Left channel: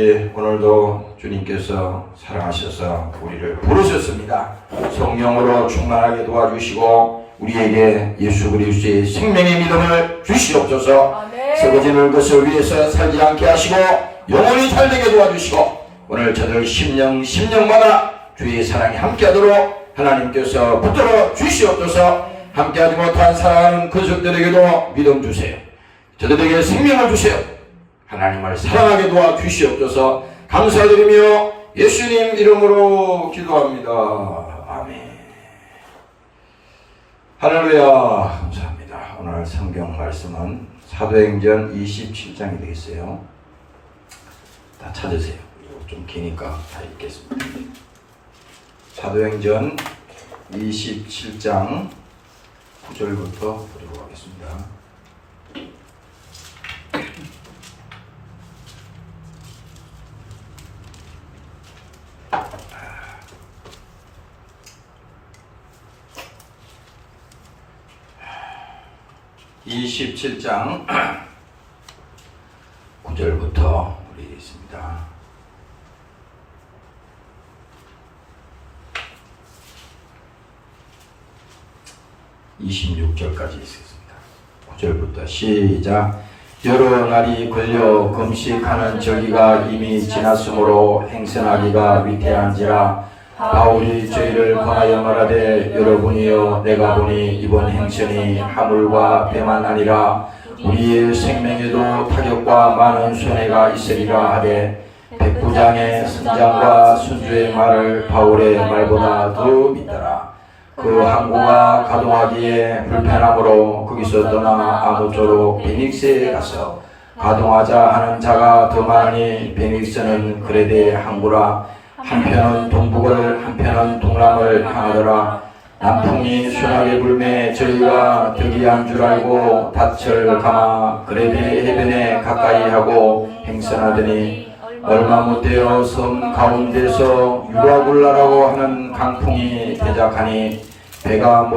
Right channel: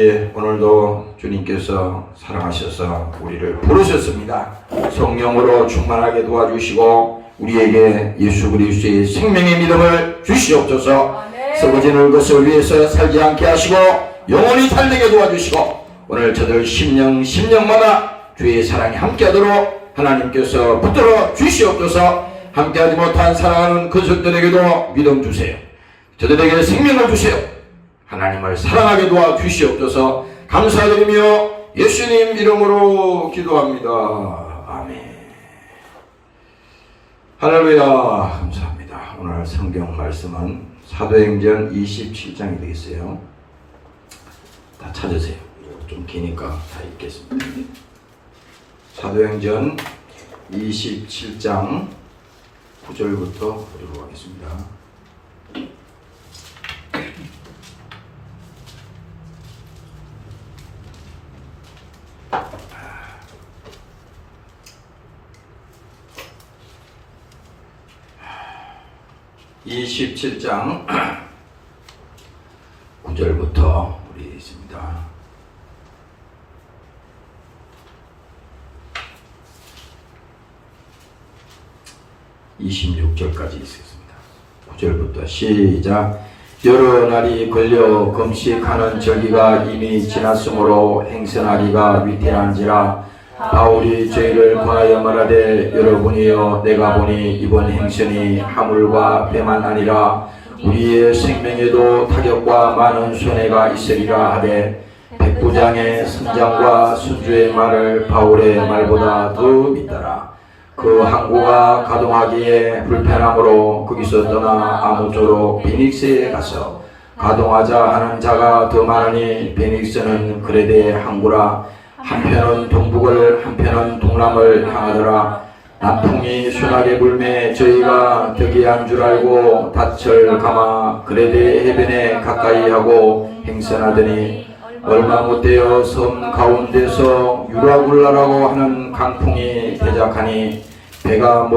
아버지, 오늘도 주님께서 사랑하셔서 우리를 부르셨습니다. 성령으로 충만하게 도와주시고 우리에게 예수 그리스도의 생명의 믿음을 주시옵소서. 썩어지는 것을 위해서 살지 않게 하시고 영원히 살게 도와주시고 오늘 저들 심령마다 주의 사랑이 함께하도록 하나님께서 붙들어 주시옵소서. 함께하지 못한 사랑하는 그들에게도 믿음 주세요. 저들에게 생명을 주세요. 하나님을 사랑하게 도와주시옵소서. 감사드리며 예수님 이름으로 기도합니다. 아멘. 할렐루야. 감사합니다. 오늘 성경 말씀은 사도행전 27장이 되어 있어요. 다 찾으세요. 좀 기니까 다 읽겠습니다. 사도행전 27장 9절부터 보도록 하겠습니다. (27장) 9절부터 우리 읽습니다. 26절까지 있습니다. 9절부터 시작. 여러 날이 걸려 금식하는 절기가 이미 지났으므로 행선하기가 위태한지라 바울이 죄를 권하여 말하되 여러분이여 내가 보니 이번 행선이 하물과 배만 아니라 우리의 생명에도 타격과 많은 손해가 있으리라 하되 백부장의 선장과 선주의 말을 바울의 말보다 더 믿더라. 그 항구가 가동하기에 불편함으로 거기서 떠나 아무쪼록 베닉스에 가서 가동하자 하는 자가 더 많으니 베닉스는 그레데 항구라. 한편은 동북을 한편은 동남을 향하더라. 남풍이 순하게 불매 저희가 득이한 줄 알고 닻을 감아 그레데 해변에 가까이 하고 행선하더니 얼마 못되어 섬 가운데서 유라굴라라고 하는 강풍이 대작하니 배가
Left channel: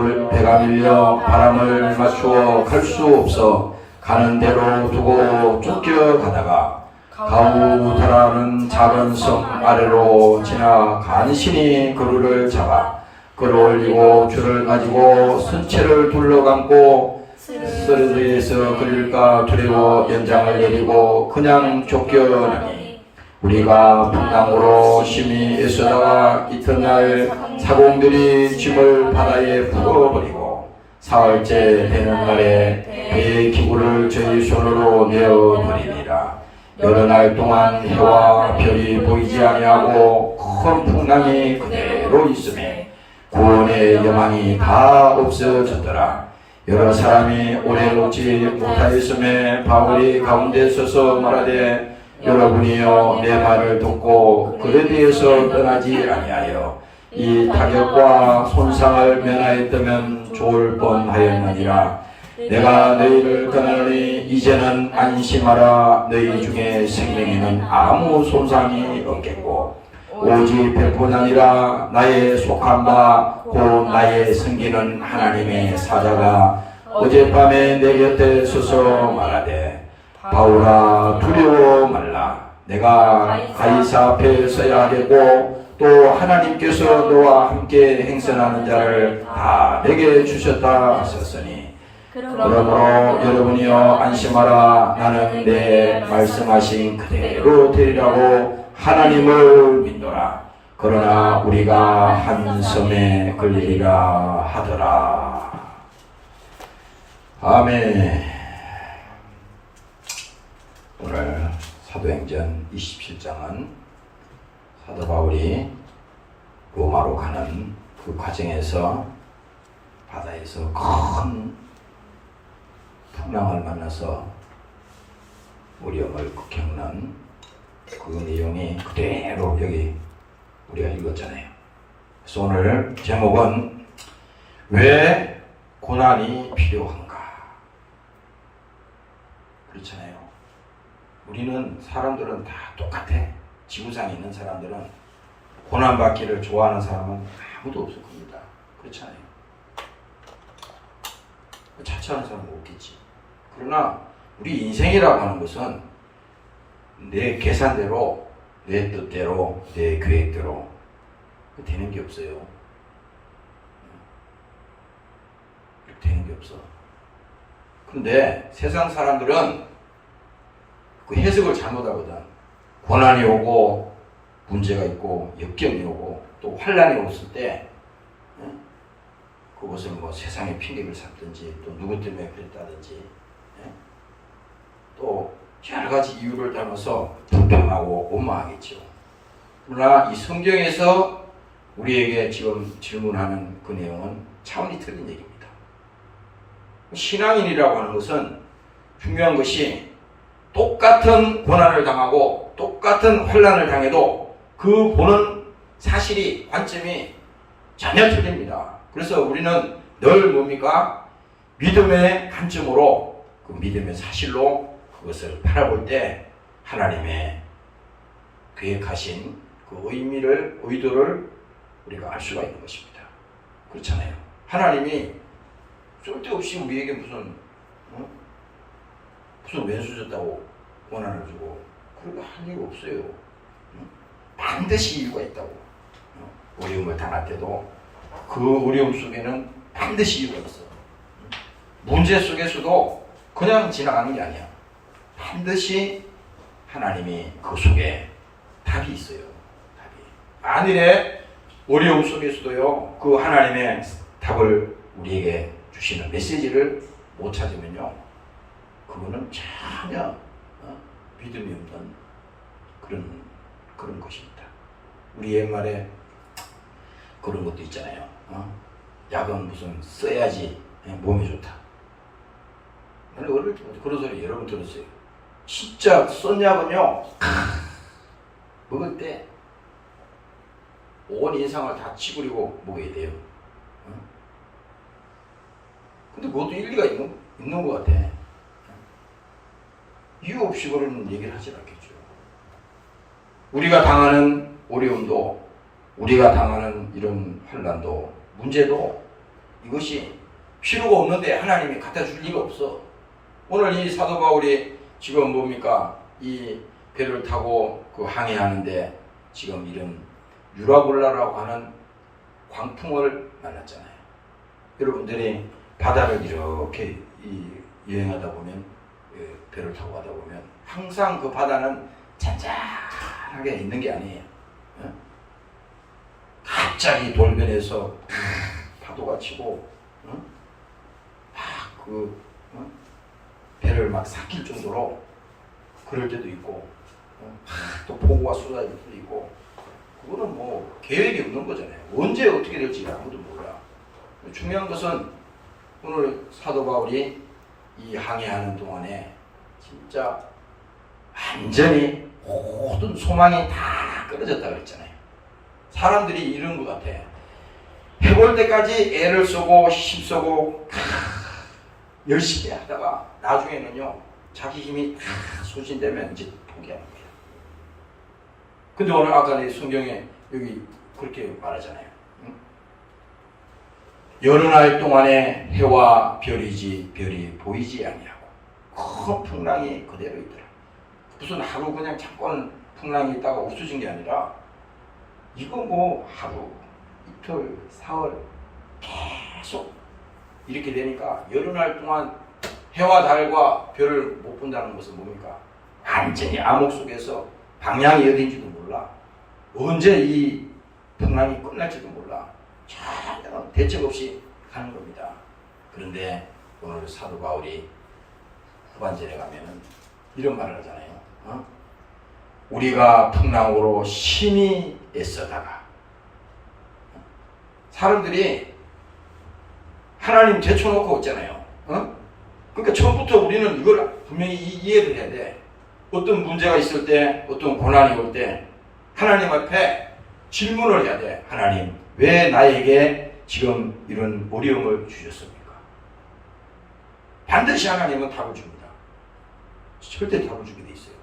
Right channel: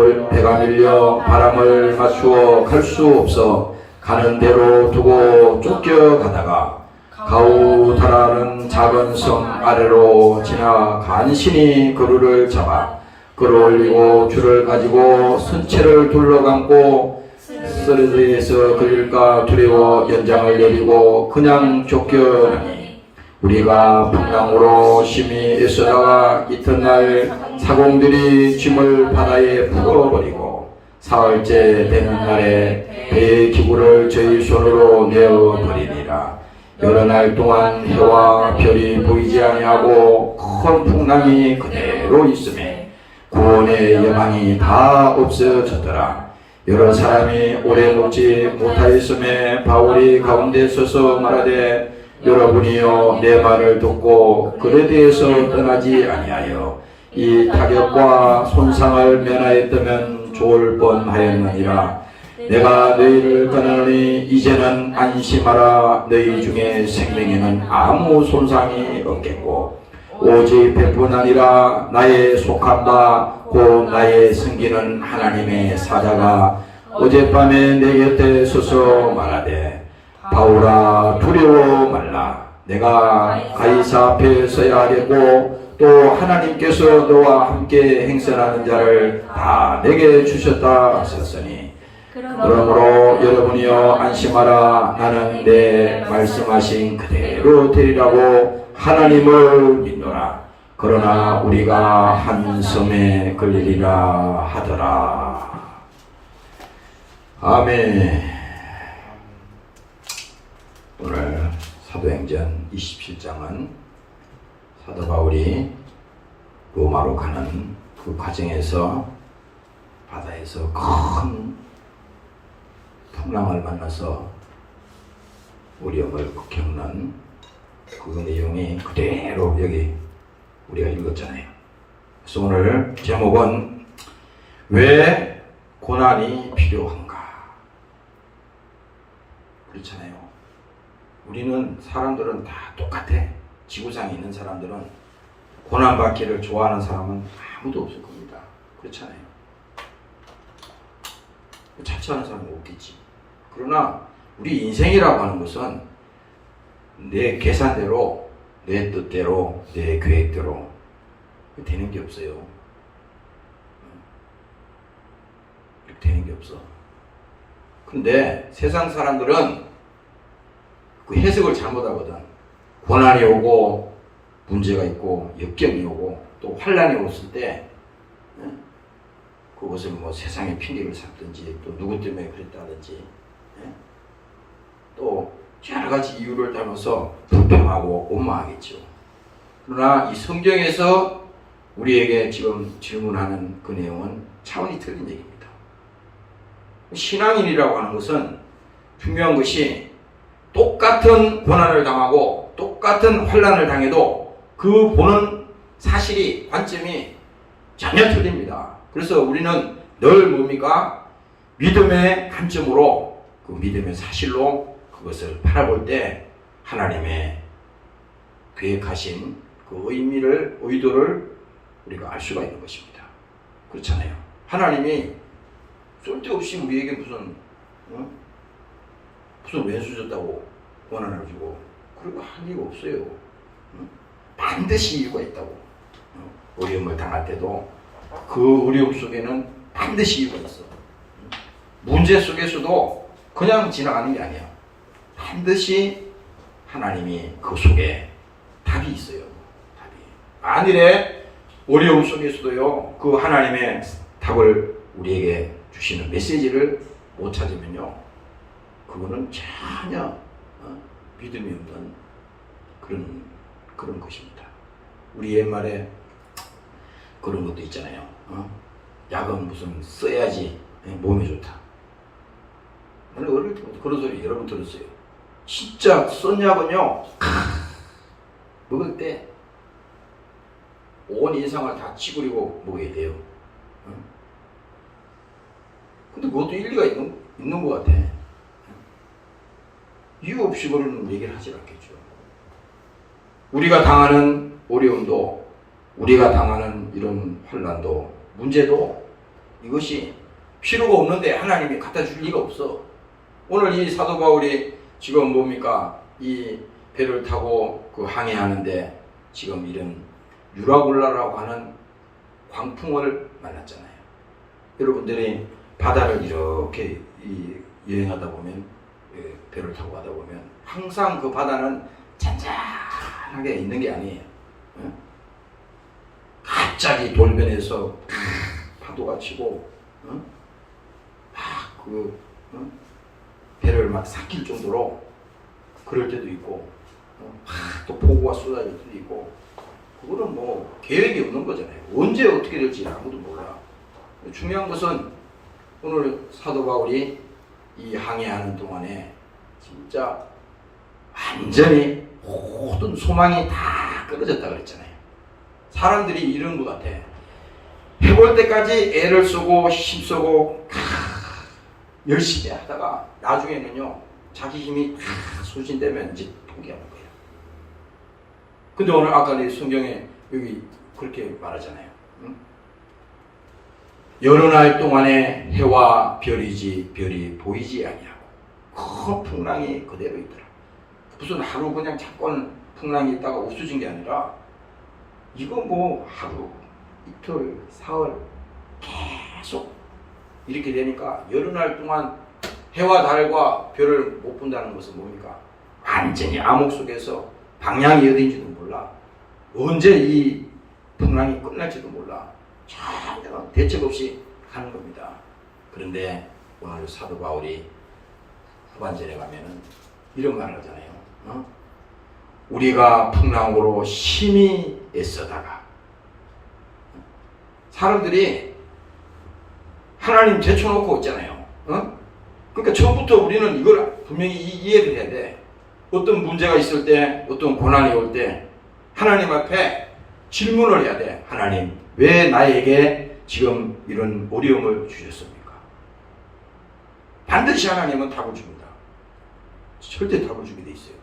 밀려 바람을 맞추어 갈 수 없어 가는 대로 두고 쫓겨가다가 가우다라는 작은 섬 아래로 지나 간신히 그루를 잡아 끌어올리고 줄을 가지고 선체를 둘러감고 쓰러져에서 걸릴까 두려워 연장을 내리고 그냥 쫓겨나니 우리가 풍랑으로 심히 애쓰다가 이튿날 사공들이 짐을 바다에 풀어버리고 사흘째 되는 날에 배의 기구를 저희 손으로 내어버리니라. 여러 날 동안 해와 별이 보이지 아니하고 큰 풍랑이 그대로 있음에 구원의 여망이 다 없어졌더라. 여러 사람이 오래 묵지 못하였음에 바울이 가운데 서서 말하되 여러분이여 내 말을 듣고 그레데에서 떠나지 아니하여 이 타격과 손상을 면하였다면 좋을 뻔하였느니라. 내가 너희를 권하노니 이제는 안심하라. 너희 중에 생명에는 아무 손상이 없겠고 오직 배뿐 아니라 나의 속한 바 곧 나의 섬기는 하나님의 사자가 어젯밤에 내 곁에 서서 말하되 바울아 두려워 말라. 내가 가이사 앞에 서야 하겠고 또 하나님께서 너와 함께 행선하는 자를 다 내게 주셨다 하셨으니 그러므로 여러분이여 안심하라. 나는 내 말씀하신 그대로 되리라고 하나님을 믿노라. 그러나 우리가 한 섬에 걸리리라 하더라. 아멘. 오늘 사도행전 27장은 사도 바울이 로마로 가는 그 과정에서 바다에서 큰 풍랑을 만나서 어려움을 겪는 그 내용이 그대로 여기 우리가 읽었잖아요. 그래서 오늘 제목은 왜 고난이 필요한가? 그렇잖아요. 우리는 사람들은 다 똑같아. 지구상에 있는 사람들은 고난받기를 좋아하는 사람은 아무도 없을 겁니다. 그렇잖아요. 자처하는 사람은 없겠지. 그러나 우리 인생이라고 하는 것은 내 계산대로 내 뜻대로, 내 계획대로 되는 게 없어요. 이렇게 되는 게 없어. 근데 세상 사람들은 그 해석을 잘못하거든. 고난이 오고 문제가 있고 역경이 오고 또 환란이 왔을 때 그것을 뭐 세상의 핑계를 삼든지 또 누구 때문에 그랬다든지 또 여러 가지 이유를 따라서 불평하고 원망하겠죠. 그러나 이 성경에서 우리에게 지금 질문하는 그 내용은 차원이 틀린 얘기입니다. 신앙인이라고 하는 것은 중요한 것이 똑같은 고난을 당하고 똑같은 환난을 당해도 그 보는 사실이 관점이 전혀 틀립니다. 그래서 우리는 늘 뭡니까? 믿음의 관점으로 그 믿음의 사실로 그것을 바라볼 때 하나님의 계획하신 그 의도를 우리가 알 수가 있는 것입니다. 그렇잖아요. 하나님이 쓸데없이 우리에게 무슨 왼수 줬다고 고난을 주고 그런 거 할 이유 없어요. 반드시 이유가 있다고. 어려움을 당할 때도 그 어려움 속에는 반드시 이유가 있어. 문제 속에서도 그냥 지나가는 게 아니야. 반드시 하나님이 그 속에 답이 있어요. 답이. 만일에 어려움 속에서도요, 그 하나님의 답을 우리에게 주시는 메시지를 못 찾으면요, 그거는 전혀 믿음이 없는 그런 것입니다. 우리 옛말에 그런 것도 있잖아요. 약은 무슨 써야지 몸에 좋다. 나는 어릴 때부터 그런 소리 여러 번 들었어요. 진짜 쓴 약은요, 먹을 때 온 인상을 다 찌그리고 먹어야 돼요. 근데 그것도 일리가 있는 것 같아. 이유 없이 그런 얘기를 하지 않겠죠. 우리가 당하는 어려움도, 우리가 당하는 이런 환난도, 문제도 이것이 필요가 없는데 하나님이 갖다 줄 리가 없어. 오늘 이 사도 바울이 지금 뭡니까? 이 배를 타고 그 항해하는데 지금 이런 유라굴라라고 하는 광풍을 만났잖아요. 여러분들이 바다를 이렇게 여행하다 보면, 배를 타고 가다 보면 항상 그 바다는 잔잔하게 있는 게 아니에요. 갑자기 돌변해서 파도가 치고 배를 막 삭힐 정도로 그럴 때도 있고, 또 폭우가 쏟아질 때도 있고, 그거는 뭐 계획이 없는 거잖아요. 언제 어떻게 될지 아무도 몰라. 중요한 것은 오늘 사도 바울이 이 항해하는 동안에 진짜 완전히 모든 소망이 다 끊어졌다 그랬잖아요. 사람들이 이런 것 같아. 해볼 때까지 애를 쓰고 힘쓰고 열심히 하다가 나중에는요, 자기 힘이 다 소진되면 이제 포기하는 거예요. 근데 오늘 아까 성경에 여기 그렇게 말하잖아요. 여러 날 동안에 해와 별이 보이지 아니하고 큰 풍랑이 그대로 있더라. 무슨 하루 그냥 잠깐 풍랑이 있다가 없어진 게 아니라 이거 뭐 하루, 이틀, 사흘 계속 이렇게 되니까 여러 날 동안 해와 달과 별을 못 본다는 것은 뭡니까? 완전히 암흑 속에서 방향이 어딘지도 몰라. 언제 이 풍랑이 끝날지도 몰라. 전혀 대책 없이 가는 겁니다. 그런데 오늘 사도 바울이 후반절에 가면은 이런 말을 하잖아요. 우리가 풍랑으로 심히 애써다가, 사람들이 하나님 제쳐놓고 있잖아요. 그러니까 처음부터 우리는 이걸 분명히 이해를 해야 돼. 어떤 문제가 있을 때, 어떤 고난이 올 때 하나님 앞에 질문을 해야 돼. 하나님, 왜 나에게 지금 이런 어려움을 주셨습니까? 반드시 하나님은 답을 줍니다. 절대 답을 주게 돼 있어요.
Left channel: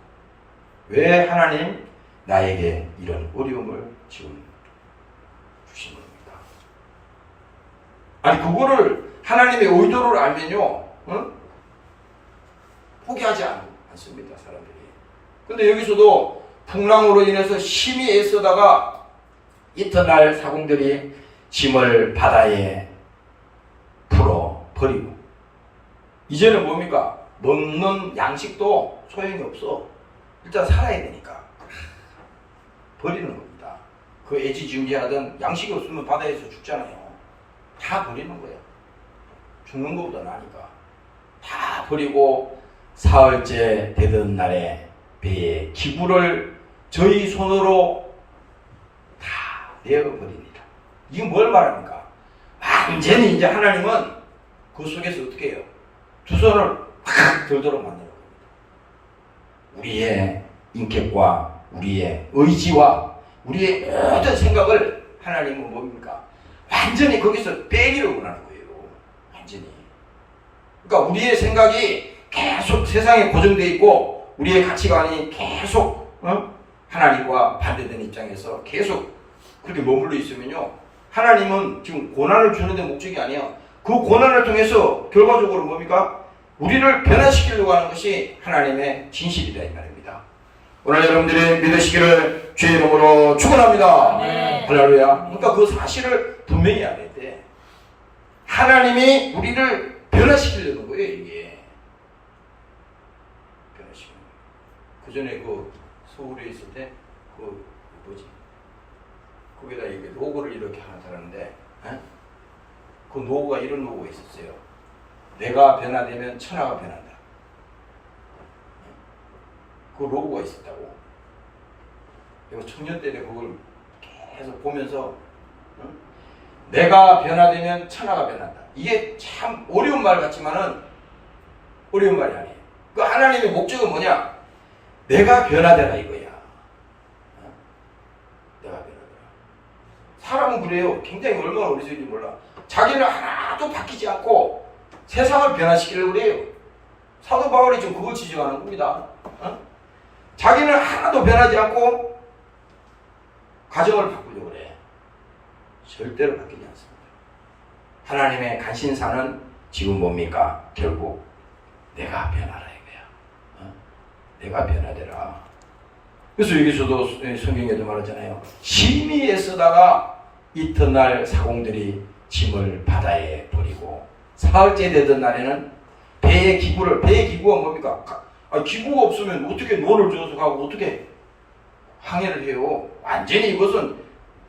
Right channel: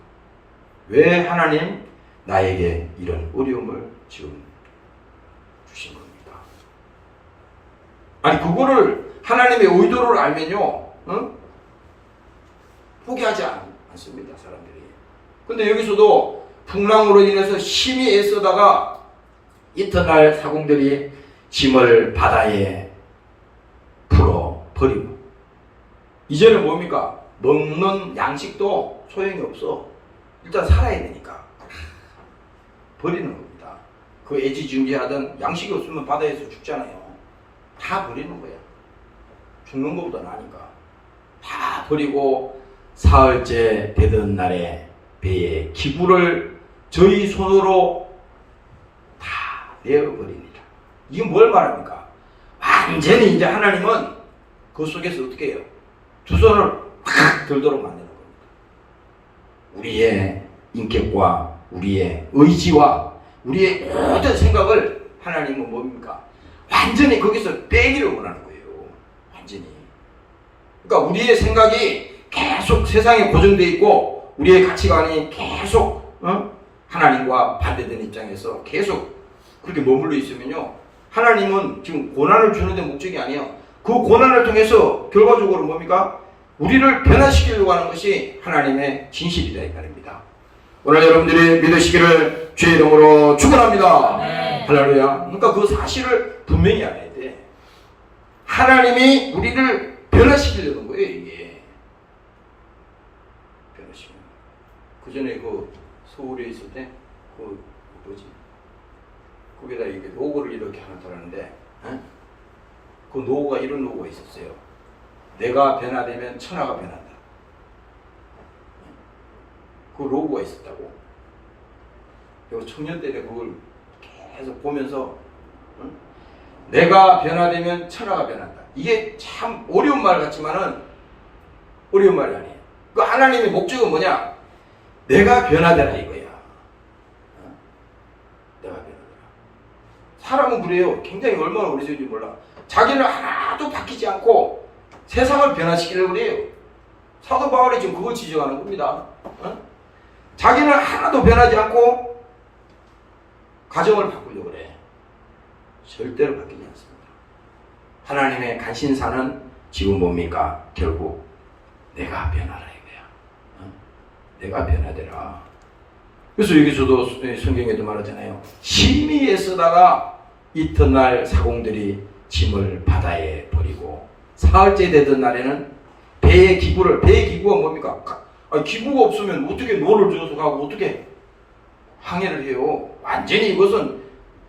왜 하나님 나에게 이런 어려움을 지금 주신 겁니까? 아니, 그거를 하나님의 의도를 알면요, 포기하지 않습니다, 사람들이. 근데 여기서도 풍랑으로 인해서 심히 애쓰다가 이튿날 사공들이 짐을 바다에 풀어 버리고, 이제는 뭡니까? 먹는 양식도 소용이 없어. 일단 살아야 되니까 버리는 겁니다. 그 애지중지하던 양식이 없으면 바다에서 죽잖아요. 다 버리는 거야. 죽는 것보다 나니까 다 버리고, 사흘째 되던 날에 배에 기구를 저희 손으로 다 내어버립니다. 이게 뭘 말합니까? 완전히 이제 하나님은 그 속에서 어떻게 해요? 두 손을 확 들도록 만드는 겁니다. 우리의 인격과 우리의 의지와 우리의 모든 생각을 하나님은 뭡니까? 완전히 거기서 빼기를 원하는 거예요. 완전히. 그러니까 우리의 생각이 계속 세상에 고정되어 있고, 우리의 가치관이 계속 하나님과 반대되는 입장에서 계속 그렇게 머물러 있으면요, 하나님은 지금 고난을 주는 데 목적이 아니에요. 그 고난을 통해서 결과적으로 뭡니까? 우리를 변화시키려고 하는 것이 하나님의 진실이다 이 말입니다. 오늘 여러분들이 믿으시기를 주의 이름으로 축원합니다. 네. 할렐루야. 그러니까 그 사실을 분명히 알아야 돼. 하나님이 우리를 변화시키려는 거예요, 이게. 변화시키는 거예요. 그 전에 그 서울에 있을 때 그 뭐지? 거기다 이게 로고를 이렇게 하나 달았는데, 그 로고가 이런 로고가 있었어요. 내가 변화되면 천하가 변한다. 그 로고가 있었다고. 그리고 청년 때는 그걸 계속 보면서 내가 변화되면 천하가 변한다. 이게 참 어려운 말 같지만은 어려운 말이 아니에요. 그 하나님의 목적은 뭐냐? 내가 변화되라 이거야. 내가 변화되라. 사람은 그래요. 굉장히 얼마나 어리석은지 몰라. 자기는 하나도 바뀌지 않고 세상을 변화시키려고 그래요. 사도 바울이 지금 그걸 지적하는 겁니다. 자기는 하나도 변하지 않고 가정을 바꾸려고 그래. 절대로 바뀌지 않습니다. 하나님의 간신사는 지금 뭡니까? 결국 내가 변하라 이거야. 내가 변화되라. 그래서 여기서도 성경에도 말하잖아요. 심히 애쓰다가 이튿날 사공들이 짐을 바다에 버리고, 사흘째 되던 날에는 배의 기구가 뭡니까? 기구가 없으면 어떻게 노를 저어서 가고 어떻게 항해를 해요? 완전히 이것은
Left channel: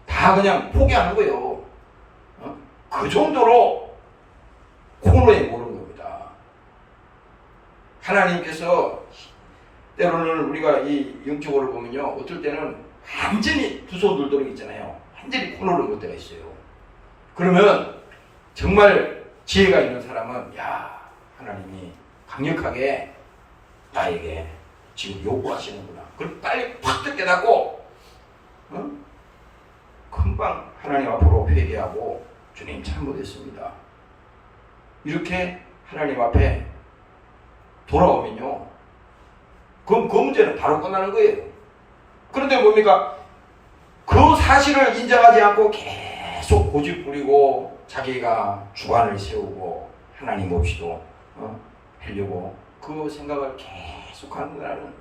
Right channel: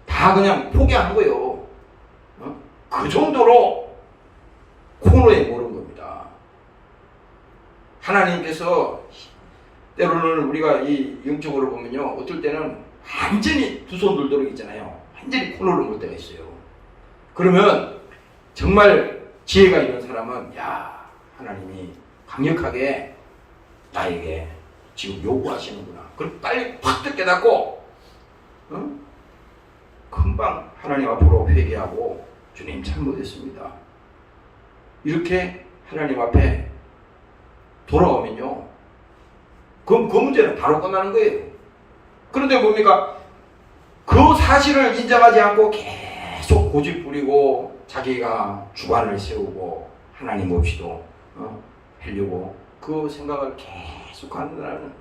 다 그냥 포기한 거예요. 그 정도로 코너에 모른 겁니다. 하나님께서 때로는 우리가 이 영적으로 보면요, 어떨 때는 완전히 두 손 들도록 있잖아요. 완전히 코너를 볼 때가 있어요. 그러면 정말 지혜가 있는 사람은, 야, 하나님이 강력하게 나에게 지금 요구하시는구나. 그럼 빨리 팍 깨닫고 금방 하나님 앞으로 회개하고, 주님 잘못했습니다. 이렇게 하나님 앞에 돌아오면요, 그럼 그 문제는 바로 끝나는 거예요. 그런데 뭡니까? 그 사실을 인정하지 않고 계속 고집 부리고 자기가 주관을 세우고 하나님 없이도 하려고 그 생각을 계속 하는 거라는,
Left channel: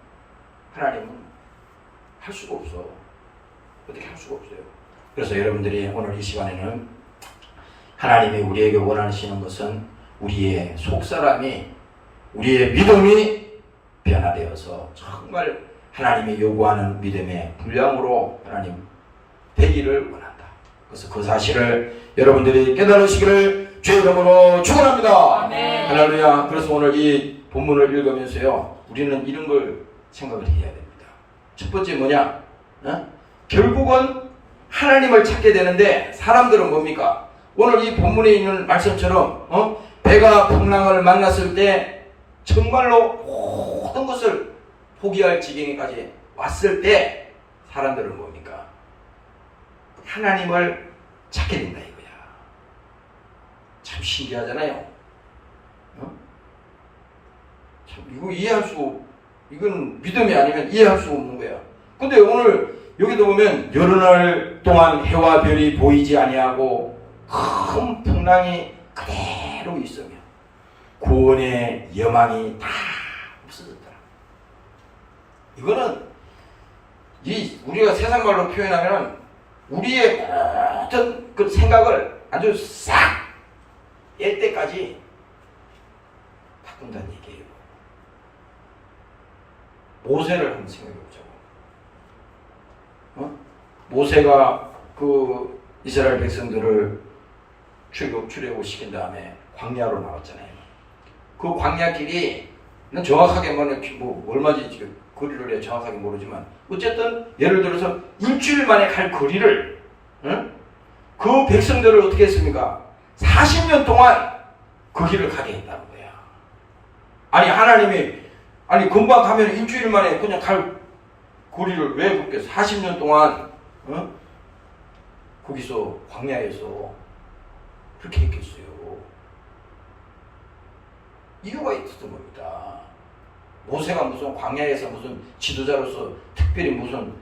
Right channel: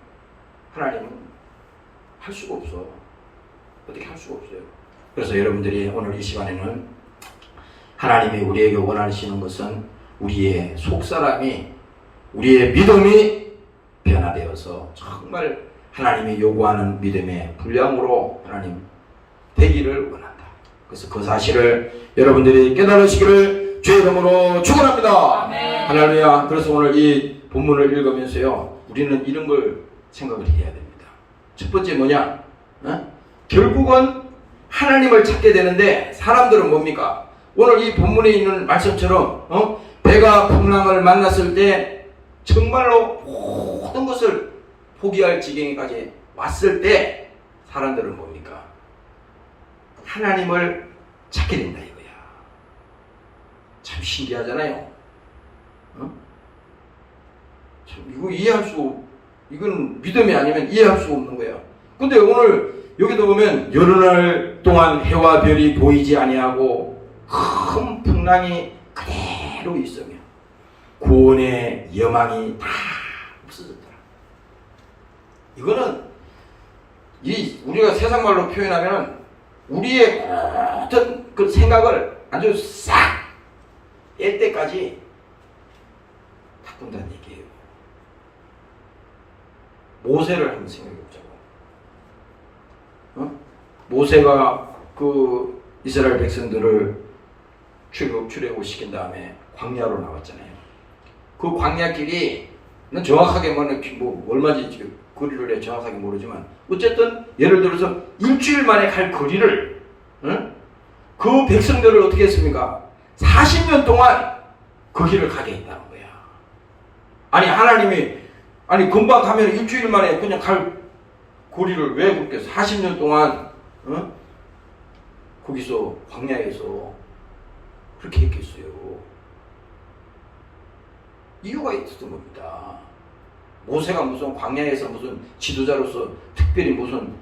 하나님은 할 수가 없어. 어떻게 할 수가 없어요. 그래서 여러분들이 오늘 이 시간에는 하나님이 우리에게 원하시는 것은 우리의 속사람이, 우리의 믿음이 변화되어서 정말 하나님이 요구하는 믿음의 분량으로 하나님 되기를 원한다. 그래서 그 사실을 여러분들이 깨달으시기를 주의 이름으로 축원합니다. 할렐루야. 그래서 오늘 이 본문을 읽으면서요, 우리는 이런 걸 생각을 해야 됩니다. 첫 번째 뭐냐? 결국은 하나님을 찾게 되는데, 사람들은 뭡니까? 오늘 이 본문에 있는 말씀처럼 배가 풍랑을 만났을 때 정말로 모든 것을 포기할 지경에까지 왔을 때 사람들은 뭡니까? 하나님을 찾게 된다 이거야. 참 신기하잖아요. 참 이거 이건 믿음이 아니면 이해할 수 없는 거야. 근데 오늘 여기도 보면 여러 날 동안 해와 별이 보이지 아니하고 큰 풍랑이 그대로 있으며 구원의 여망이 다 없어졌더라. 이거는 이 우리가 세상 말로 표현하면 우리의 모든 그 생각을 아주 싹 뺄 때까지 바꾼다는 얘기예요. 모세를 한번 생각해 보자고. 모세가 그 이스라엘 백성들을 출애굽시킨 다음에 광야로 나왔잖아요. 그 광야길이 정확하게 뭐 얼마지 거리를 정확하게 모르지만 어쨌든 예를 들어서 일주일 만에 갈 거리를 그 백성들을 어떻게 했습니까? 40년 동안 그 길을 가게 했다는 거야. 아니 하나님이 금방 가면 일주일 만에 그냥 갈 거리를 왜 그렇게 40년 동안 거기서 광야에서 그렇게 했겠어요. 이유가 있었던 겁니다. 모세가 무슨 광야에서 무슨 지도자로서 특별히 무슨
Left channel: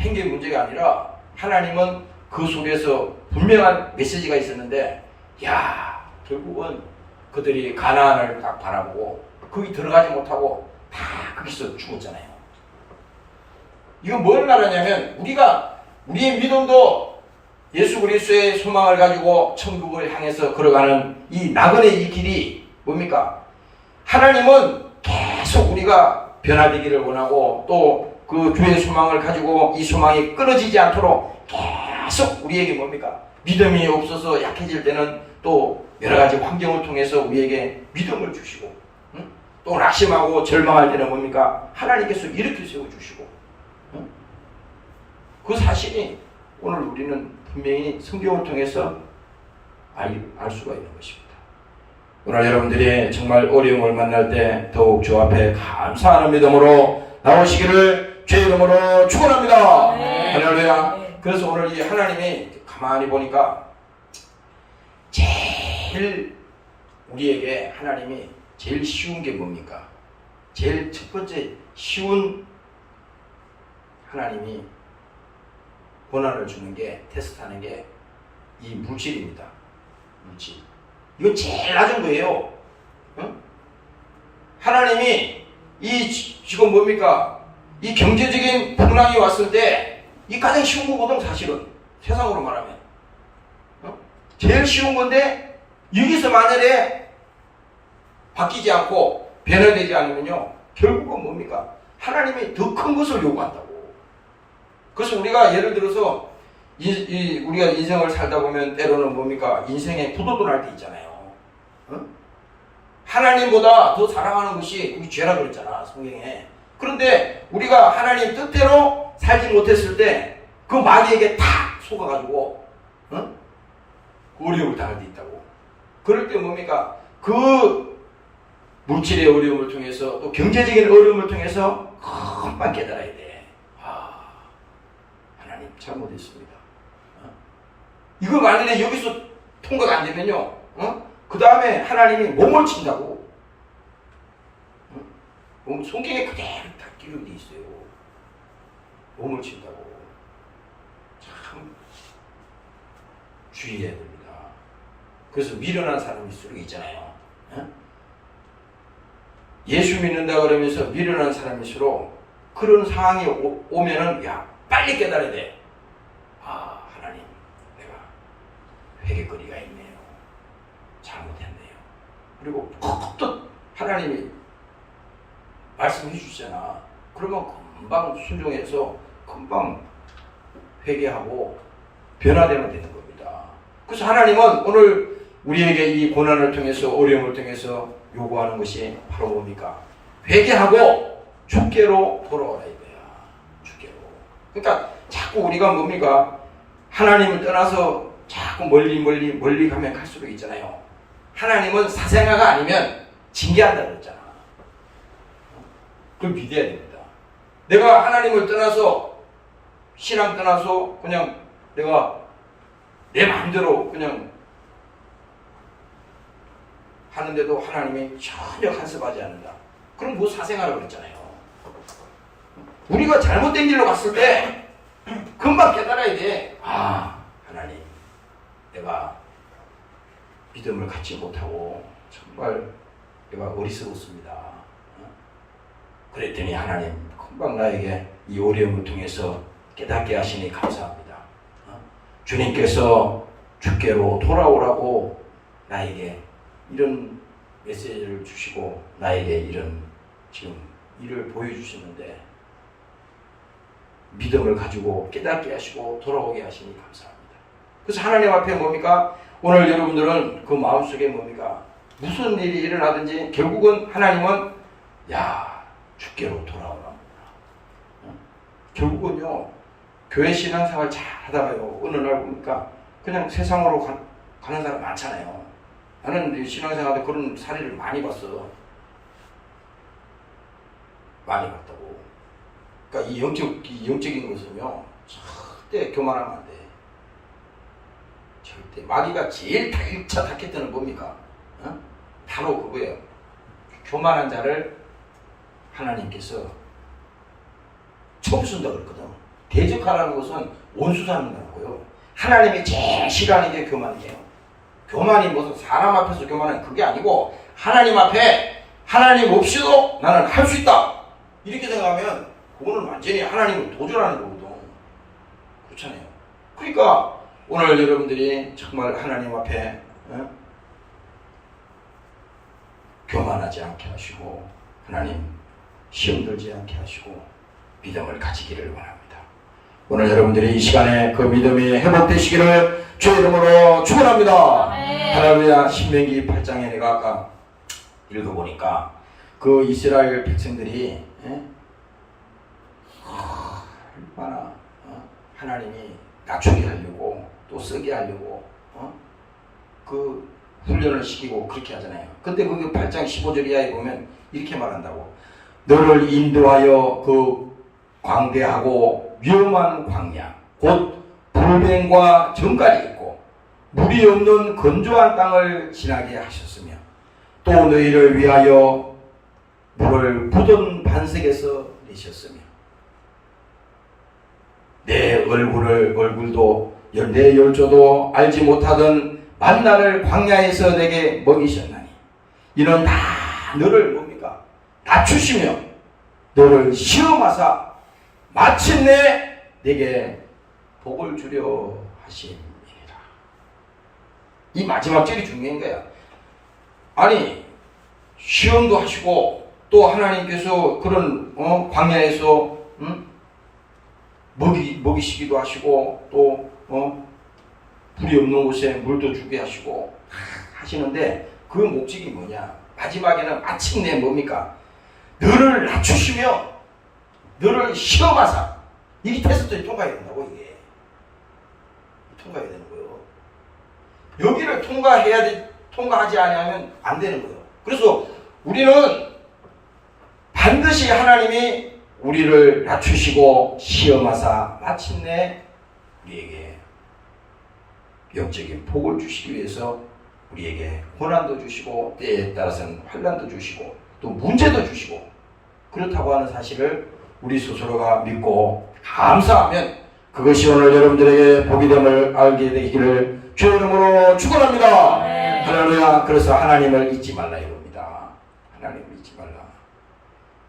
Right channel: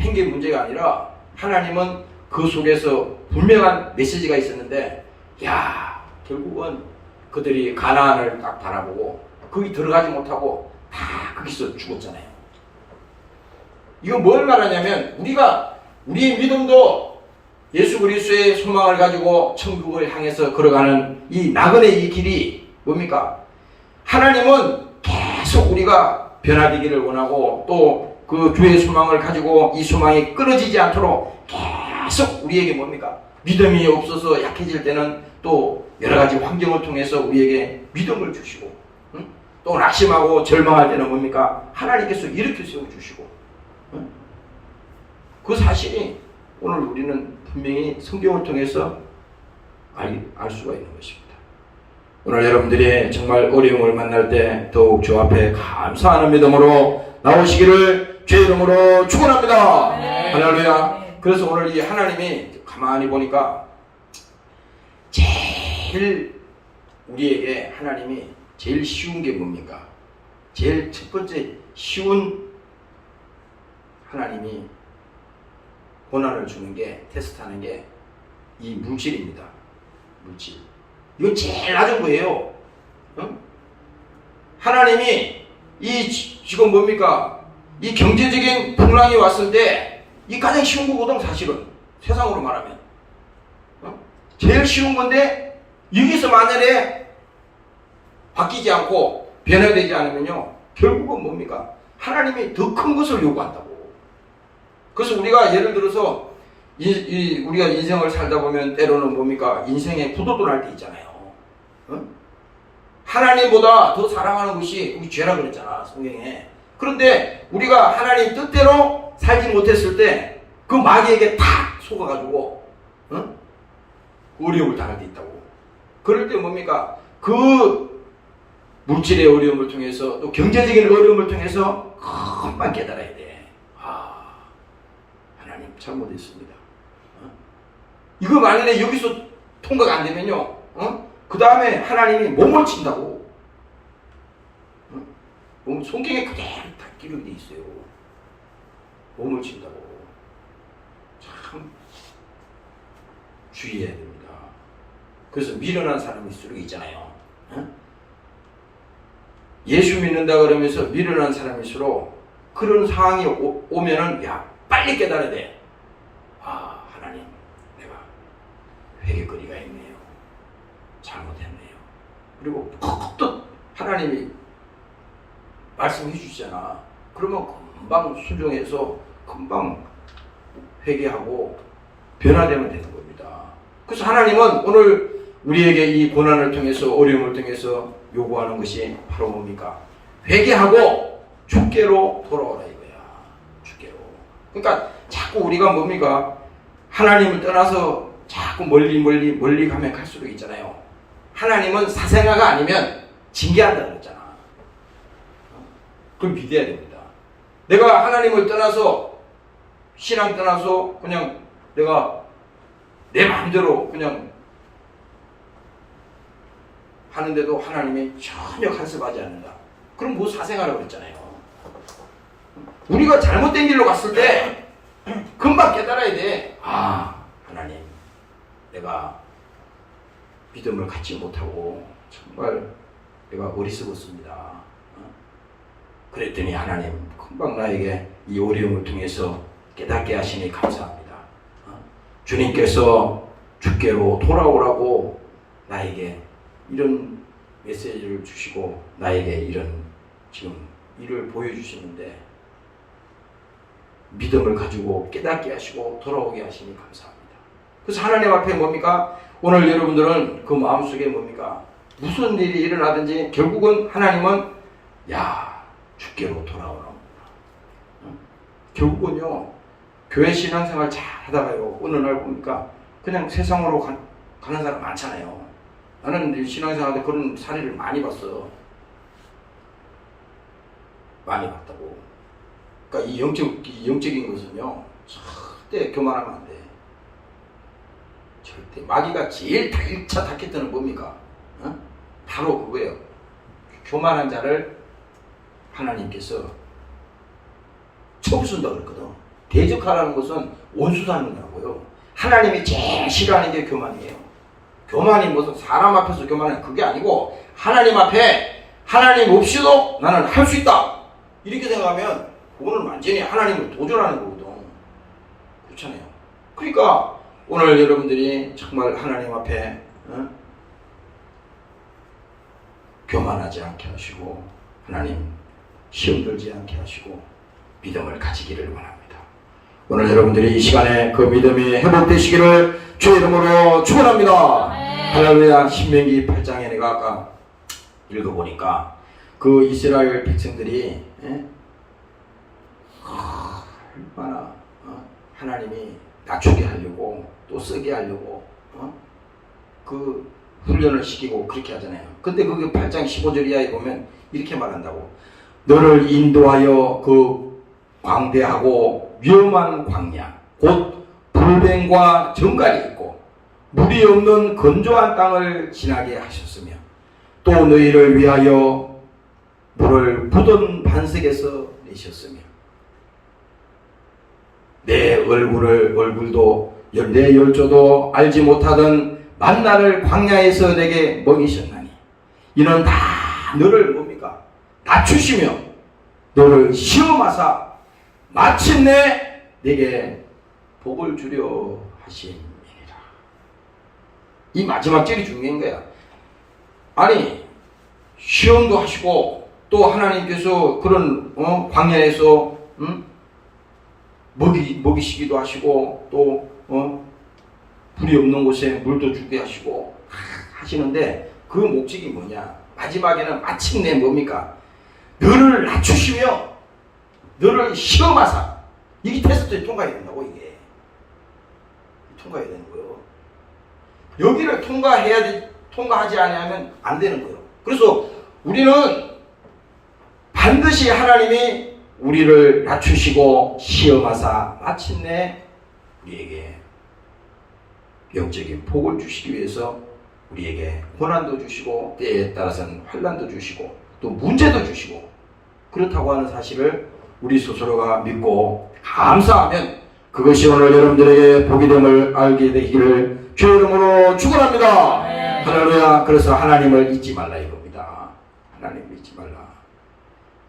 행계 문제가 아니라 하나님은 그 속에서 분명한 메시지가 있었는데 결국은 그들이 가나안을 딱 바라보고 거기 들어가지 못하고 다 거기서 죽었잖아요. 이건 뭘 말하냐면 우리의 믿음도 예수 그리스도의 소망을 가지고 천국을 향해서 걸어가는 이 나그네 이 길이 뭡니까? 하나님은 계속 우리가 변화되기를 원하고 또 그 주의 소망을 가지고 이 소망이 끊어지지 않도록 계속 우리에게 뭡니까? 믿음이 없어서 약해질 때는 또 여러 가지 환경을 통해서 우리에게 믿음을 주시고 또 낙심하고 절망할 때는 뭡니까? 하나님께서 일으켜 세워주시고 그 사실이 오늘 우리는 분명히 성경을 통해서 알 수가 있는 것입니다. 오늘 여러분들이 정말 어려움을 만날 때 더욱 주 앞에 감사하는 믿음으로 나오시기를 주의 이름으로 축원합니다. 네. 할렐루야. 네. 그래서 오늘 이 하나님이 가만히 보니까 제일 우리에게 하나님이 제일 쉬운 게 뭡니까? 제일 첫 번째 쉬운 하나님이 고난을 주는 게 테스트하는 게 이 물질입니다. 물질. 이거 제일 낮은 거예요. 하나님이 지금 뭡니까? 이 경제적인 풍랑이 왔을 때 이 가장 쉬운 거거든 사실은 세상으로 말하면 제일 쉬운 건데 여기서 만약에 바뀌지 않고 변화되지 않으면요 결국은 뭡니까? 하나님이 더 큰 것을 요구한다고. 그래서 우리가 예를 들어서 우리가 인생을 살다 보면 때로는 뭡니까? 인생에 구도도 날 때 있잖아요. 하나님보다 더 사랑하는 것이 우리 죄라 그랬잖아 성경에. 그런데 우리가 하나님 뜻대로 살지 못했을 때 그 마귀에게 탁 속아가지고 어려움을 당할 때 있다고. 그럴 때 뭡니까? 그 물질의 어려움을 통해서 또 경제적인 어려움을 통해서 금방 깨달아야 돼. 하나님 잘못했습니다. 이거 만약에 여기서 통과가 안 되면요 그 다음에 하나님이 몸을 친다고. 성경에 그대로 다 기록되어 있어요. 몸을 친다고. 참 주의해야 됩니다. 그래서 미련한 사람일수록 있잖아요. 예수 믿는다 그러면서 미련한 사람일수록 그런 상황이 오면은 빨리 깨달아야 돼. 하나님 내가 회개거리가 있네요. 잘못했네요. 그리고 또 하나님이 말씀해 주시잖아. 그러면 금방 순종해서 금방 회개하고 변화되면 되는 겁니다. 그래서 하나님은 오늘 우리에게 이 고난을 통해서 어려움을 통해서 요구하는 것이 바로 뭡니까? 회개하고 주께로 돌아오라 이거야. 주께로. 그러니까 자꾸 우리가 뭡니까? 하나님을 떠나서 자꾸 멀리 가면 갈수록 있잖아요. 하나님은 사생아가 아니면 징계한다 그랬잖아. 그걸 믿어야 됩니다. 내가 하나님을 떠나서 신앙 떠나서 그냥 내가 내 마음대로 그냥 하는데도 하나님이 전혀 간섭하지 않는다. 그럼 뭐 사생아라고 그랬잖아요. 우리가 잘못된 길로 갔을 때 금방 깨달아야 돼. 하나님 내가 믿음을 갖지 못하고 정말 내가 어리석었습니다. 그랬더니 하나님 금방 나에게 이 어려움을 통해서 깨닫게 하시니 감사합니다. 주님께서 주께로 돌아오라고 나에게 이런 메시지를 주시고 나에게 이런 지금 일을 보여주시는데 믿음을 가지고 깨닫게 하시고 돌아오게 하시니 감사합니다. 그래서 하나님 앞에 뭡니까? 오늘 여러분들은 그 마음속에 뭡니까? 무슨 일이 일어나든지 결국은 하나님은 주께로 돌아오라. 결국은요, 교회 신앙생활 잘 하다가요, 어느 날 보니까 그냥 세상으로 가는 사람 많잖아요. 나는 신앙생활 때 그런 사례를 많이 봤어. 많이 봤다고. 그러니까 이 영적인 것은요, 절대 교만하면 안 돼. 절대. 마귀가 제일 1차 타겟은 뭡니까? 바로 그거예요. 교만한 자를 하나님께서 처부순다고 그랬거든. 대적하라는 것은 원수 삼는다고요. 하나님이 제일 싫어하는 게 교만이에요. 교만이 무슨 사람 앞에서 교만은 그게 아니고 하나님 앞에 하나님 없이도 나는 할 수 있다. 이렇게 생각하면 그거는 완전히 하나님을 도전하는 거거든. 그렇잖아요. 그러니까 오늘 여러분들이 정말 하나님 앞에 교만하지 않게 하시고 하나님 시험 들지 않게 하시고 믿음을 가지기를 원합니다. 오늘 여러분들이 이 시간에 그 믿음이 회복되시기를 주의 이름으로 축원합니다. 할렐루야. 신명기 8장에 내가 아까 읽어보니까 그 이스라엘 백성들이 얼마나 하나님이 낮추게 하려고 또 쓰게 하려고 그 훈련을 시키고 그렇게 하잖아요. 근데 그게 8장 15절 이하에 보면 이렇게 말한다고. 너를 인도하여 그 광대하고 위험한 광야 곧 불뱀과 정갈이 있고 물이 없는 건조한 땅을 지나게 하셨으며 또 너희를 위하여 물을 묻은 반석에서 내셨으며 내 얼굴도 내 열조도 알지 못하던 만나를 광야에서 내게 먹이셨나니 이는 다 너를 뭡니까? 낮추시며 너를 시험하사 마침내 내게 복을 주려 하심이니라. 이 마지막 절이 중요한 거야. 아니 시험도 하시고 또 하나님께서 그런 광야에서 먹이시기도 하시고 또 불이 없는 곳에 물도 주게 하시고 하시는데 그 목적이 뭐냐? 마지막에는 마침내 뭡니까? 너를 낮추시며 너를 시험하사. 이게 테스트에 통과해야 된다고. 이게 통과해야 되는 거예요. 여기를 통과하지 않으면 안 되는 거예요. 그래서 우리는 반드시 하나님이 우리를 낮추시고 시험하사 마침내 우리에게 영적인 복을 주시기 위해서 우리에게 고난도 주시고 때에 따라서는 환난도 주시고 또 문제도 주시고 그렇다고 하는 사실을 우리 스스로가 믿고 감사하면 그것이 오늘 여러분들에게 복이 됨을 알게 되기를 주의 이름으로 축원합니다. 할렐루야. 그래서 하나님을 잊지 말라 이겁니다. 하나님을 잊지 말라.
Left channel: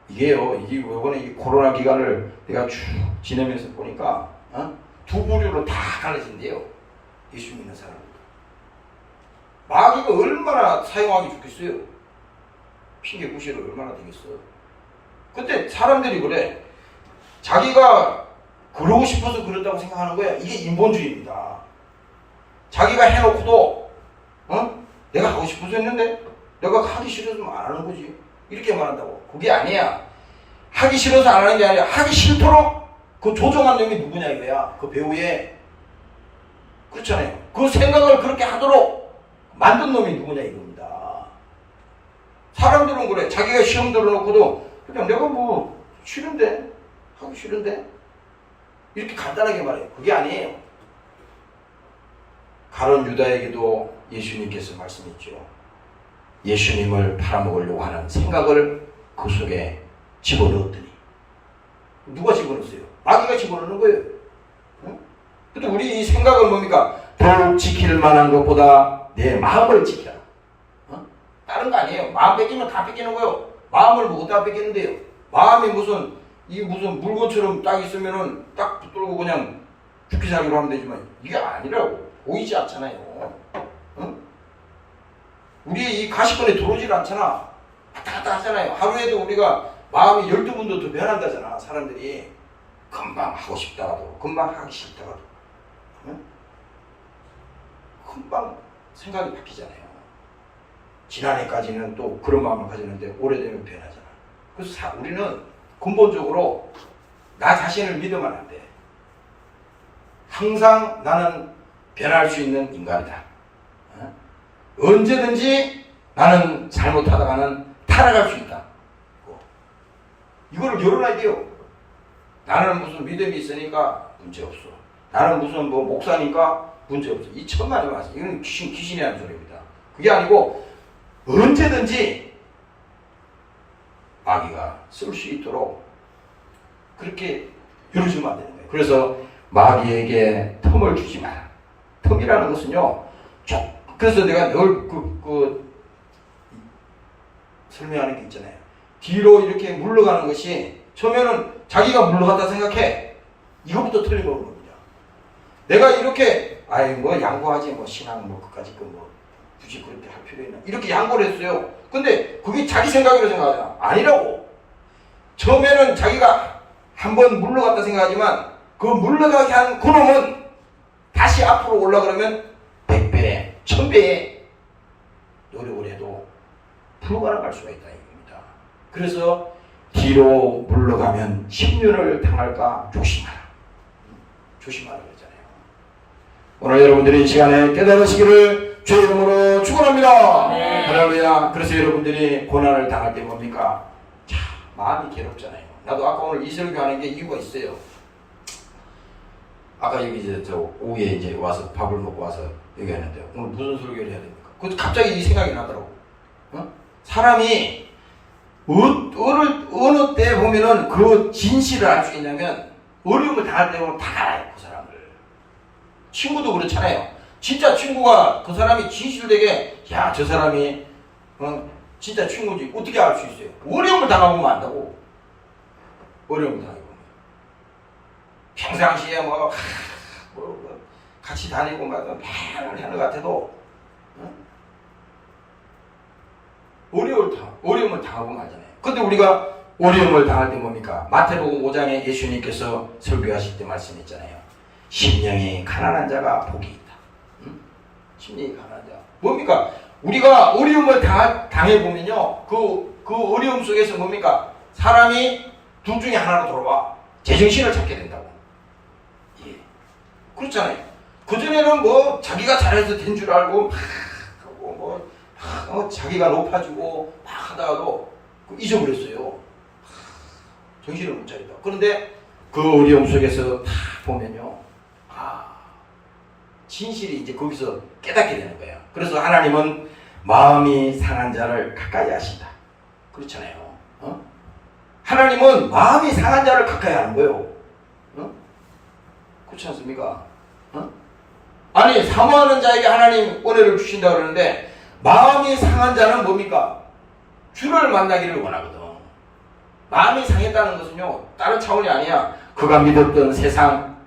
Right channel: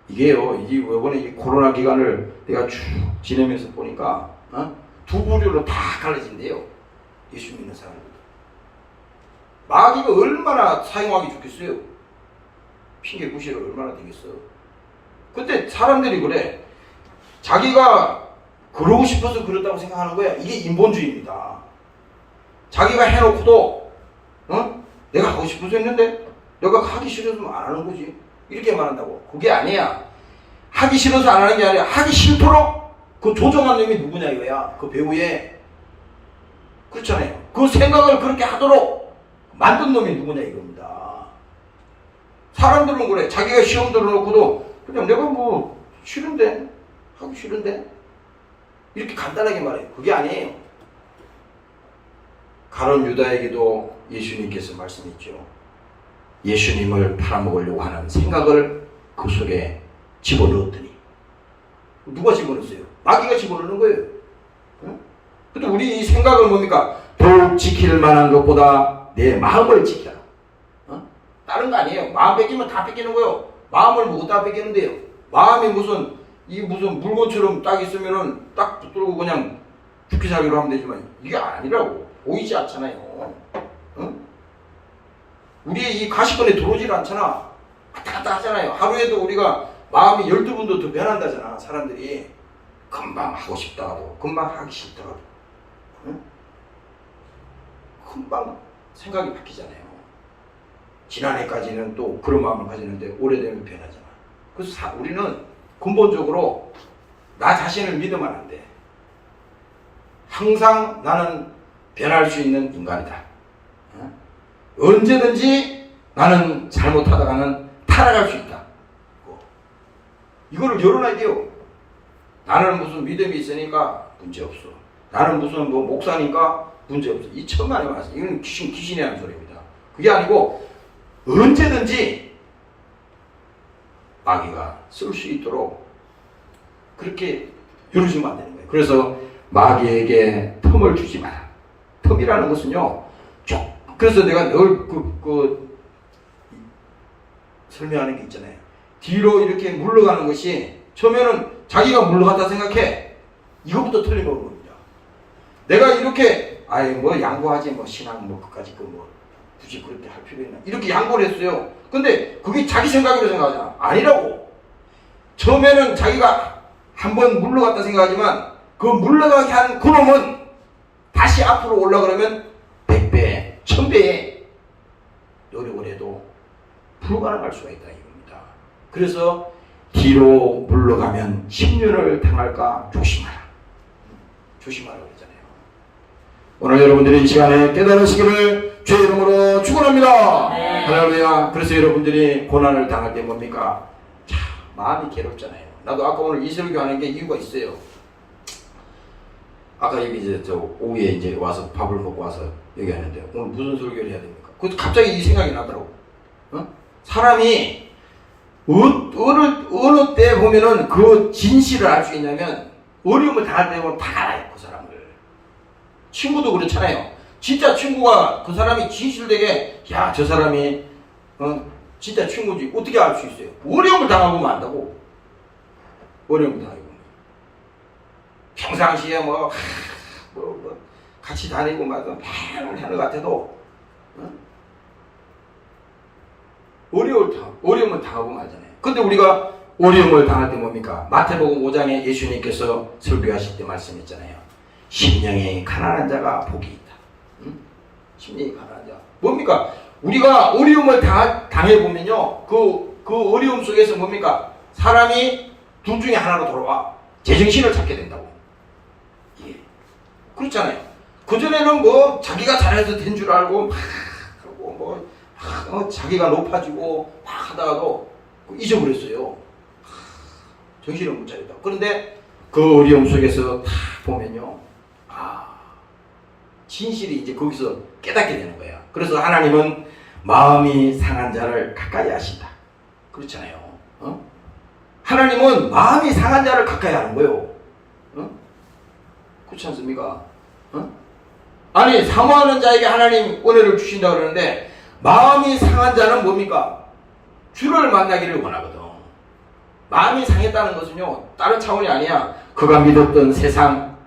이게요, 이번에 이 코로나 기간을 내가 쭉 지내면서 보니까 두 부류로 다 갈라진대요. 예수 믿는 사람들. 마귀가 얼마나 사용하기 좋겠어요. 핑계 구실을 얼마나 되겠어. 근데 사람들이 그래. 자기가 그러고 싶어서 그렇다고 생각하는 거야. 이게 인본주의입니다. 자기가 해놓고도 내가 하고 싶어서 했는데 내가 하기 싫어서 안 하는 거지. 이렇게 말한다고. 그게 아니야. 하기 싫어서 안 하는 게 아니라 하기 싫도록 그 조종한 놈이 누구냐 이거야. 그 배우에. 그렇잖아요. 그 생각을 그렇게 하도록 만든 놈이 누구냐 이겁니다. 사람들은 그래. 자기가 시험 들어놓고도 그냥 내가 뭐 싫은데 하기 싫은데 이렇게 간단하게 말해요. 그게 아니에요. 가룟 유다에게도 예수님께서 말씀했죠. 예수님을 팔아먹으려고 하는 생각을 그 속에 집어넣었더니 누가 집어넣었어요? 마귀가 집어넣는 거예요. 응? 근데 우리 이 생각은 뭡니까? 더욱 지킬 만한 것보다 내 마음을 지키라. 다른 거 아니에요. 마음 뺏기면 다 뺏기는 거예요. 마음을 뭐 어디다 뺏기는데요? 마음이 무슨 이게 무슨 물건처럼 딱 있으면은 딱 붙들고 그냥 죽기 살기로 하면 되지만 이게 아니라고. 보이지 않잖아요. 응? 우리의 이 가시권에 들어오질 않잖아. 왔다 갔다 하잖아요. 하루에도 우리가 마음이 12번도 더 변한다잖아. 사람들이 금방 하고 싶다 하고 금방 하기 싫다 하고 응? 금방 생각이 바뀌잖아요. 지난해까지는 또 그런 마음을 가졌는데 오래되면 변하잖아. 그래서 우리는 근본적으로 나 자신을 믿으면 안 돼. 항상 나는 변할 수 있는 인간이다. 언제든지 나는 잘못하다가는 타락할 수 있다. 이거를 열어놔야 돼요. 나는 무슨 믿음이 있으니까 문제 없어. 나는 무슨 뭐 목사니까 문제 없어. 이 천만에 말씀. 이건 귀신이 하는 소리입니다. 그게 아니고 언제든지 마귀가 쓸 수 있도록 그렇게 열어주면 안 되는 거예요. 그래서 마귀에게 틈을 주지 마라. 틈이라는 것은요. 그래서 내가 늘 설명하는 게 있잖아요. 뒤로 이렇게 물러가는 것이 처음에는 자기가 물러갔다 생각해. 이것부터 틀림없는 겁니다. 내가 이렇게 뭐 양보하지 뭐 신앙 뭐 그까지 뭐 굳이 그렇게 할 필요 있나 이렇게 양보를 했어요. 근데 그게 자기 생각이라고 생각하잖아. 아니라고. 처음에는 자기가 한번 물러갔다 생각하지만 그 물러가게 한 그놈은 다시 앞으로 올라가려면 100배, 1000배의 노력을 해도 불가능할 수가 있다 이겁니다. 그래서 뒤로 물러가면 심륜을 당할까 조심하라. 조심하라고 했잖아요. 오늘 여러분들이 이 시간에 깨달으시기를 주의 이름으로 축원합니다. 네. 할렐루야. 그래서 여러분들이 고난을 당할 때 뭡니까? 참 마음이 괴롭잖아요. 나도 아까 오늘 이 설교하는 게 이유가 있어요. 아까 여기 이제 저 오후에 이제 와서 밥을 먹고 와서 여기 하는데 오늘 무슨 설교를 해야 됩니까? 그 갑자기 이 생각이 나더라고. 사람이 어느 때 보면은 그 진실을 알 수 있냐면 어려움을 당할 때 보면 다 알아요. 그 사람을. 친구도 그렇잖아요. 진짜 친구가 그 사람이 진실되게 야 저 사람이 진짜 친구인지 어떻게 알 수 있어요? 어려움을 당하보면 안다고. 어려움을 당하보면. 평상시에 뭐 같이 다니고 막 하는 것 같아도 어려움을 당하고만 하잖아요. 근데 우리가 어려움을 당할 때 뭡니까? 마태복음 5장에 예수님께서 설교하실 때 말씀했잖아요. 심령이 가난한 자가 복이 있다. 심령이 가난한 자. 뭡니까? 우리가 어려움을 당해보면요. 그 어려움 속에서 뭡니까? 사람이 둘 중에 하나로 돌아와. 제정신을 찾게 된다고. 예. 그렇잖아요. 그전에는 뭐 자기가 잘해서 된 줄 알고 막 하고 뭐 자기가 높아지고 막 하다가도 잊어버렸어요. 정신을 못 차렸다. 그런데 그 어려움 속에서 다 보면요. 진실이 이제 거기서 깨닫게 되는 거예요. 그래서 하나님은 마음이 상한 자를 가까이 하신다. 그렇잖아요. 하나님은 마음이 상한 자를 가까이 하는 거예요. 그렇지 않습니까? 아니 사모하는 자에게 하나님 은혜를 주신다 그러는데 마음이 상한 자는 뭡니까? 주를 만나기를 원하거든. 마음이 상했다는 것은요 다른 차원이 아니야. 그가 믿었던 세상,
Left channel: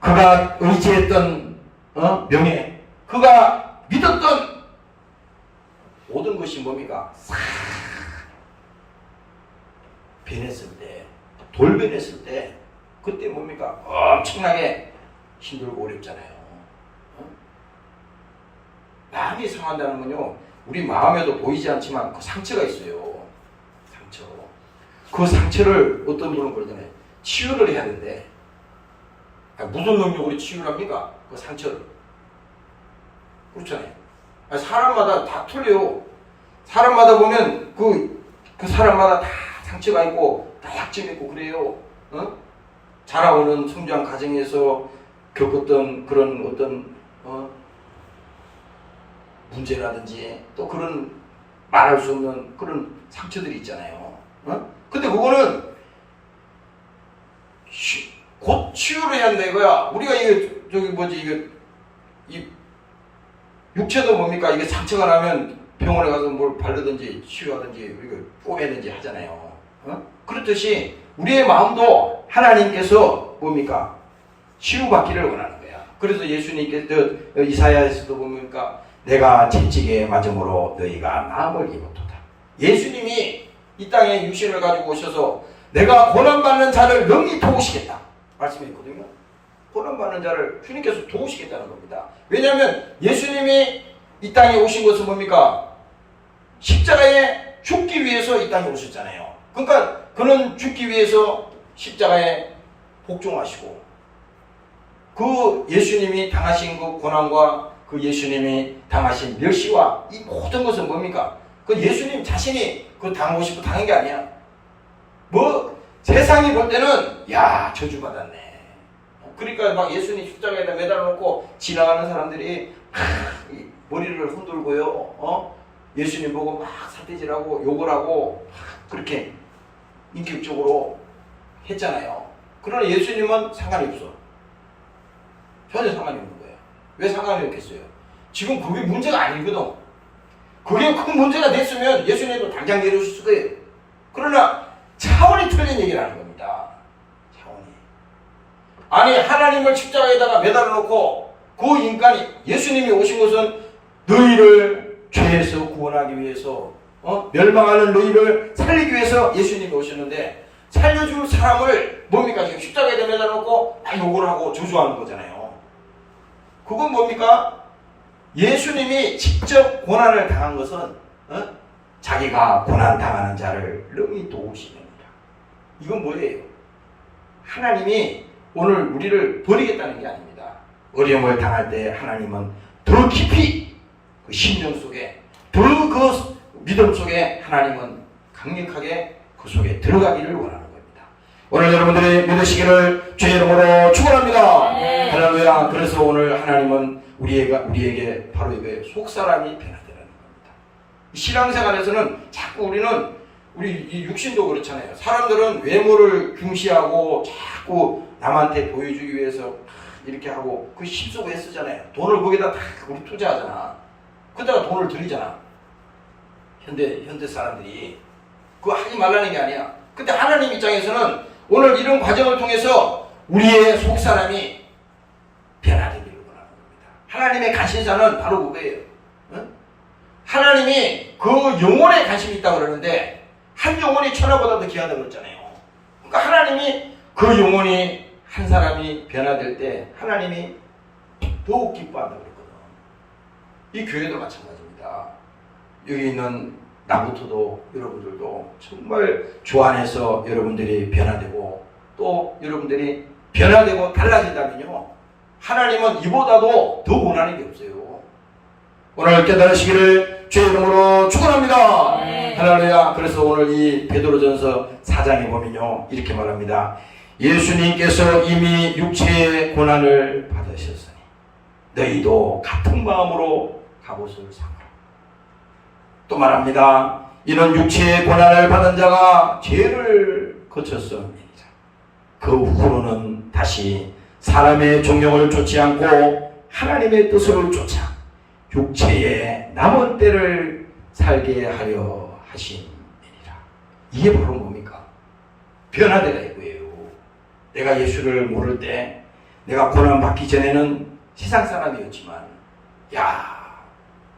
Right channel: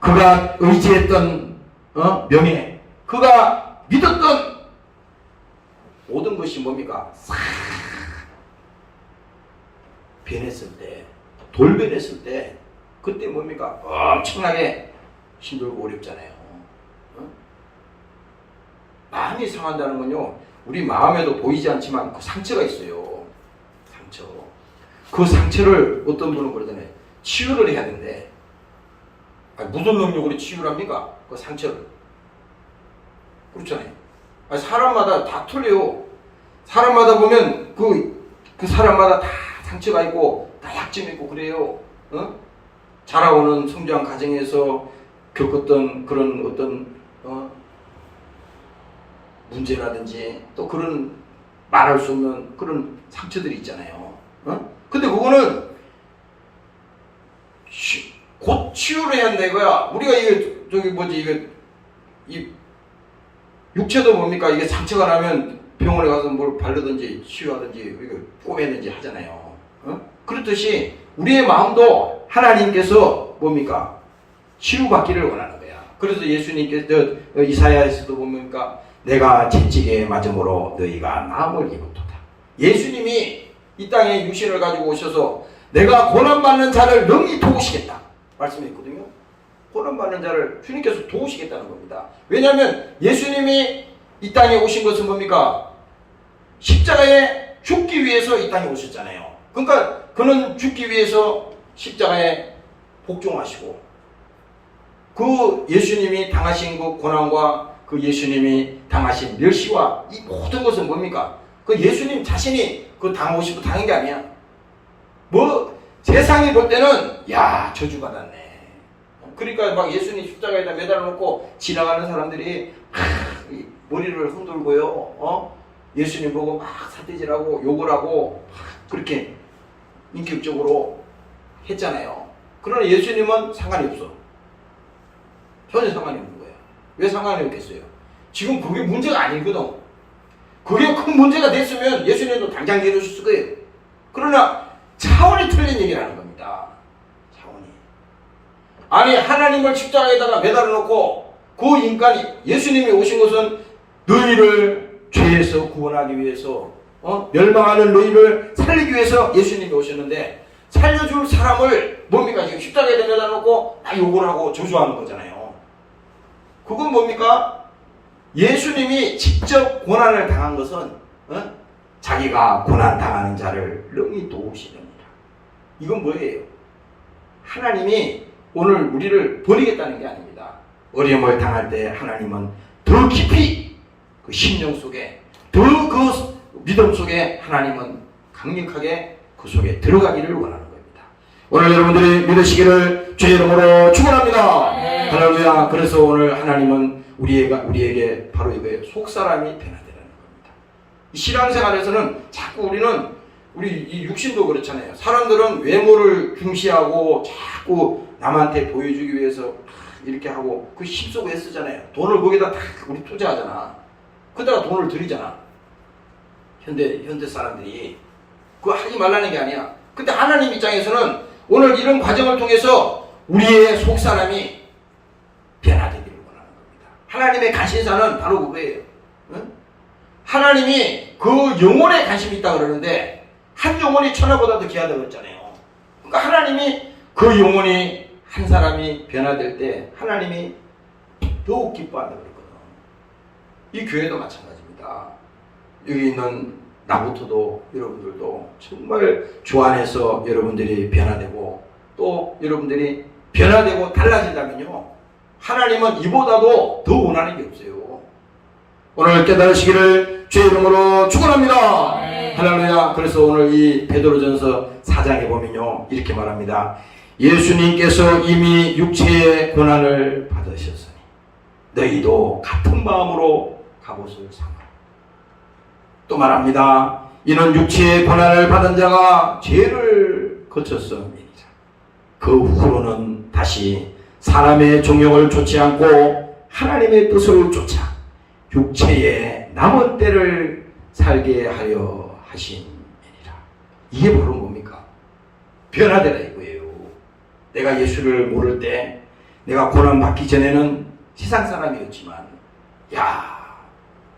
그가 의지했던 명예, 그가 믿었던 모든 것이 뭡니까? 싹 변했을 때, 돌변했을 때 그때 뭡니까? 엄청나게 힘들고 어렵잖아요. 마음이 상한다는 건요 우리 마음에도 보이지 않지만 그 상처가 있어요. 상처. 그 상처를 어떤 분은 그러잖아요. 치유를 해야 된대. 무슨 능력으로 치유를 합니까? 그 상처를. 그렇잖아요. 사람마다 다 틀려요. 사람마다 보면 그 사람마다 다 상처가 있고 다 약점이 있고 그래요. 자라오는 성장 과정에서 겪었던 그런 어떤 문제라든지 또 그런 말할 수 없는 그런 상처들이 있잖아요. 근데 그거는 곧 치유를 해야 된다 이거야. 우리가 이게 이 육체도 뭡니까? 이게 상처가 나면 병원에 가서 뭘 바르든지 치유하든지 이렇게 꼬매든지 하잖아요. 그렇듯이 우리의 마음도 하나님께서 뭡니까? 치유받기를 원하는 거야. 그래서 예수님께서 이사야에서도 보니까 내가 채찍에 맞음으로 너희가 나음을 입었도다. 예수님이 이 땅에 육신을 가지고 오셔서 내가 고난받는 자를 능히 도우시겠다 말씀했거든요. 고난받는 자를 주님께서 도우시겠다는 겁니다. 왜냐하면 예수님이 이 땅에 오신 것은 뭡니까? 십자가에 죽기 위해서 이 땅에 오셨잖아요. 그러니까 그는 죽기 위해서 십자가에 복종하시고 그 예수님이 당하신 그 고난과 그 예수님이 당하신 멸시와 이 모든 것은 뭡니까? 그 예수님 자신이 그 당하고 싶어 당한 게 아니야. 뭐 세상이 볼 때는 야 저주받았네. 그러니까 막 예수님 십자가에다 매달아 놓고 지나가는 사람들이 머리를 흔들고요. 예수님 보고 막 사태질하고 욕을 하고 그렇게 인격적으로 했잖아요. 그러나 예수님은 상관이 없어. 전혀 상관이 없는 거예요. 왜 상관이 없겠어요? 지금 그게 문제가 아니거든. 그게 큰 문제가 됐으면 예수님도 당장 내려줬을 거예요. 그러나 차원이 틀린 얘기를 하는 겁니다. 차원이. 아니 하나님을 십자가에다가 매달아 놓고 그 인간이 예수님이 오신 것은 너희를 죄에서 구원하기 위해서 멸망하는 너희를 살리기 위해서 예수님이 오셨는데 살려줄 사람을 뭡니까? 지금 십자가에다 매달아 놓고 욕을 하고 저주하는 거잖아요. 그건 뭡니까? 예수님이 직접 고난을 당한 것은 자기가 고난 당하는 자를 능히 도우시느니라. 이건 뭐예요? 하나님이 오늘 우리를 버리겠다는 게 아닙니다. 어려움을 당할 때 하나님은 더 깊이 그 심령 속에 더 그 믿음 속에 하나님은 강력하게 그 속에 들어가기를 원하는 겁니다. 오늘 여러분들이 믿으시기를 주의 이름으로 축원합니다. 네. 할렐루야. 그래서 오늘 하나님은 우리에게 바로 이거예요. 속사람이 변화되는 겁니다. 신앙생활에서는 자꾸 우리 이 육신도 그렇잖아요. 사람들은 외모를 중시하고 자꾸 남한테 보여주기 위해서 이렇게 하고 그 힘쓰고 애쓰잖아요. 돈을 거기다 다 우리 투자하잖아. 그러다가 돈을 들이잖아. 현대 사람들이 그거 하지 말라는 게 아니야. 근데 하나님 입장에서는 오늘 이런 과정을 통해서 우리의 속사람이 변화되기를 원하는 겁니다. 하나님의 관심사는 바로 그거예요. 응? 하나님이 그 영혼에 관심이 있다고 그러는데 한 영혼이 천하보다도 귀하다고 그랬잖아요. 그러니까 하나님이 그 영혼이 한 사람이 변화될 때 하나님이 더욱 기뻐한다고 그랬거든. 이 교회도 마찬가지입니다. 여기 있는 나부터도 여러분들도 정말 주 안에서 여러분들이 변화되고 또 여러분들이 변화되고 달라진다면요. 하나님은 이보다도 더 원하는 게 없어요. 오늘 깨달으시기를 주의 이름으로 축원합니다. 네. 할렐루야. 그래서 오늘 이 베드로전서 4장에 보면요. 이렇게 말합니다. 예수님께서 이미 육체의 고난을 받으셨으니 너희도 같은 마음으로 갑옷을 삼아라. 또 말합니다. 이는 육체의 고난을 받은 자가 죄를 거쳤음이니라. 그 후로는 다시 사람의 종령을 쫓지 않고 하나님의 뜻을 쫓아 육체의 남은 때를 살게 하려 하심이니라. 이게 바로 뭡니까? 변화되라 이거예요. 내가 예수를 모를 때 내가 고난받기 전에는 세상 사람이었지만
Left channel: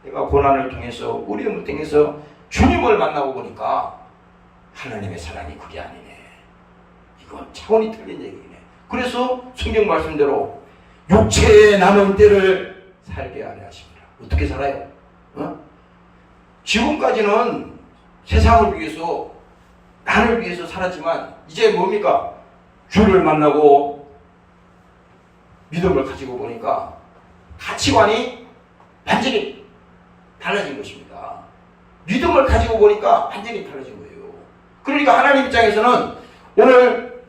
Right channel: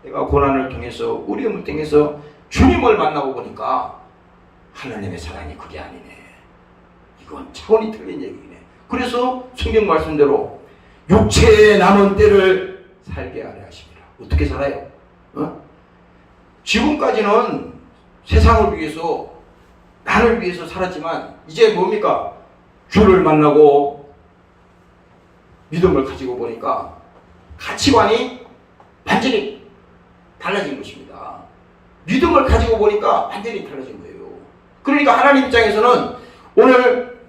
내가 고난을 통해서 어려움을 통해서 주님을 만나고 보니까 하나님의 사랑이 그게 아니네. 이건 차원이 틀린 얘기네. 그래서 성경 말씀대로 육체의 남은 때를 살게 하려 하십니다. 어떻게 살아요? 지금까지는 세상을 위해서 나를 위해서 살았지만 이제 뭡니까? 주를 만나고 믿음을 가지고 보니까 가치관이 완전히 달라진 것입니다. 믿음을 가지고 보니까 완전히 달라진 거예요. 그러니까 하나님 입장에서는 오늘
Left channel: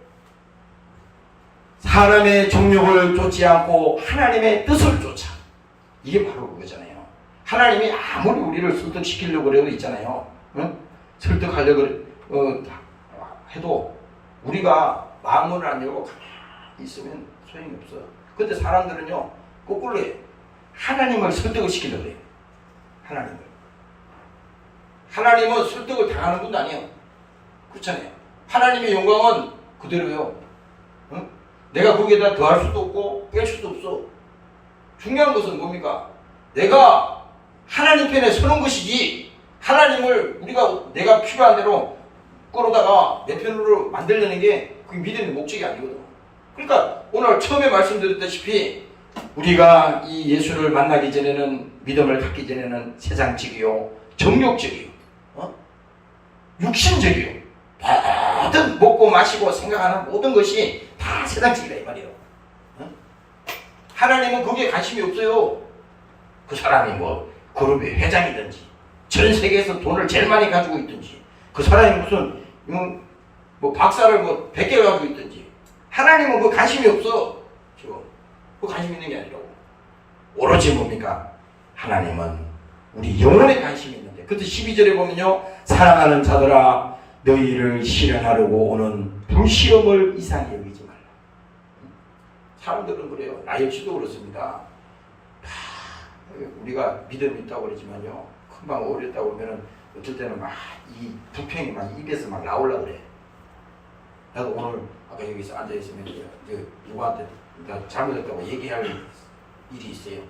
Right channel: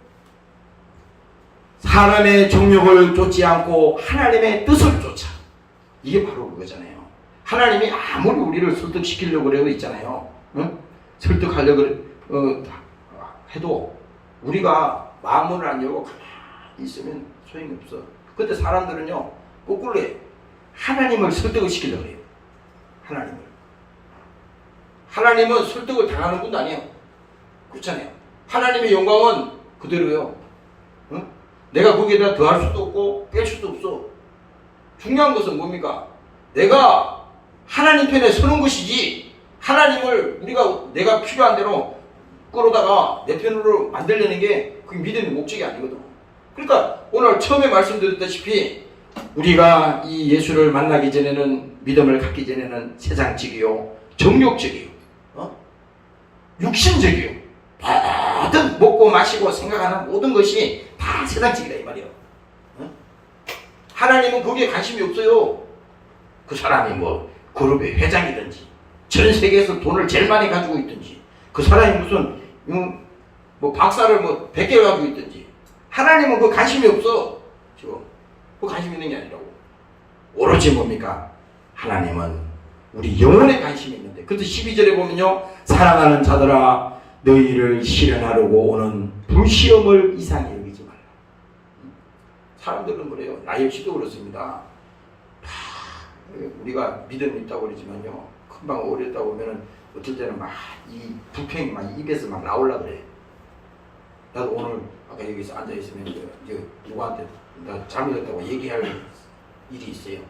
사람의 정욕을 쫓지 않고 하나님의 뜻을 쫓아. 이게 바로 그거잖아요. 하나님이 아무리 우리를 설득시키려고 그러고 있잖아요. 설득하려고 해도 우리가 마음을 안 열고 가만히 있으면 소용이 없어. 근데 사람들은요 거꾸로 해요. 하나님을 설득을 시키려고 해요. 하나님은 설득을 당하는 분도 아니에요. 그렇잖아요. 하나님의 영광은 그대로요. 어? 내가 거기에다 더할 수도 없고 뺄 수도 없어. 중요한 것은 뭡니까? 내가 하나님 편에 서는 것이지, 하나님을 내가 필요한 대로 끌어다가 내 편으로 만들려는 게 그게 믿음의 목적이 아니거든. 그러니까 오늘 처음에 말씀드렸다시피 우리가 이 예수를 만나기 전에는, 믿음을 갖기 전에는 세상적이요, 정욕적이요, 육신적이요, 모든 먹고 마시고 생각하는 모든 것이 다 세상적이다 이 말이에요. 하나님은 거기에 관심이 없어요. 그 사람이 뭐 그룹의 회장이든지 전 세계에서 돈을 제일 많이 가지고 있든지, 그 사람이 무슨 뭐 박사를 뭐 100개 가지고 있든지, 하나님은 그 관심이 없어. 지금 그 관심 있는 게 아니라고. 오로지 뭡니까? 하나님은 우리 영혼에 관심이 있는데, 그래서 12절에 보면요, 사랑하는 자들아 너희를 시련하려고 오는 불시험을 이상히 여기지 말라. 사람들은 그래요. 나 역시도 그렇습니다. 우리가 믿음이 있다고 그러지만요, 금방 어렸다 보면은 어떨 때는 막 이 불평이 막 입에서 막 나올라 그래. 나도 오늘 아까 여기서 앉아 있으면 이제 누구한테 나 잘못했다고 얘기할 일이 있어요.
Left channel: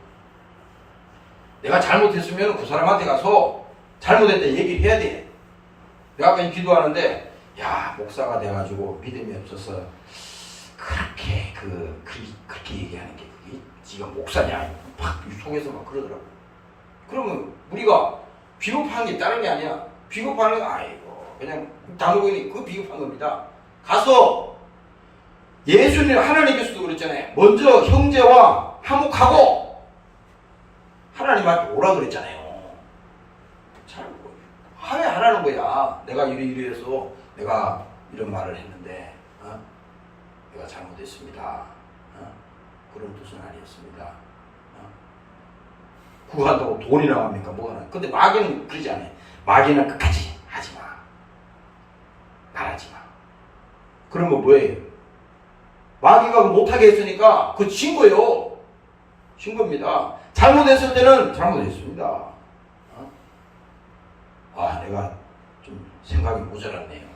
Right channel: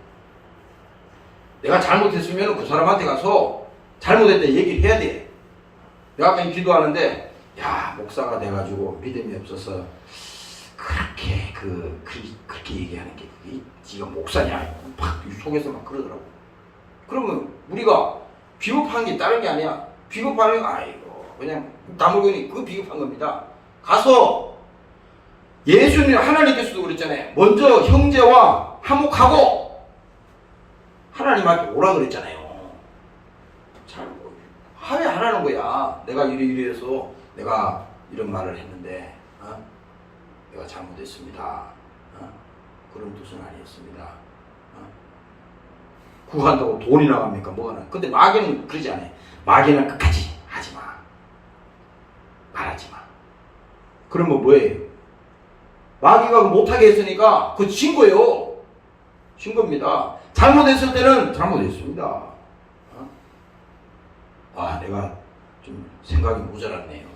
내가 잘못했으면 그 사람한테 가서 잘못했다 얘기를 해야 돼. 내가 아까 기도하는데, 야, 목사가 돼가지고 믿음이 없어서 그렇게 그렇게 얘기하는 게 그게 지금 목사냐? 막 속에서 막 그러더라고. 그러면 우리가 비겁한 게 다른 게 아니야. 비겁한 게 아니고 그냥 다물고 있는 그 비겁한 겁니다. 가서 예수님, 하나님께서도 그랬잖아요. 먼저 형제와 화목하고 하나님한테 오라 그랬잖아요. 잘 화해하라는 거야. 내가 이래서 내가 이런 말을 했는데 내가 잘못했습니다. 그런 뜻은 아니었습니다. 구한다고 돈이 나갑니까? 뭐가 나? 근데 마귀는 그러지 않아요. 마귀는 끝까지 하지 마. 말하지 마. 그러면 뭐예요? 마귀가 못하게 했으니까 그거 진 거예요. 진 겁니다. 잘못했을 때는 잘못했습니다. 내가 좀 생각이 모자랐네요.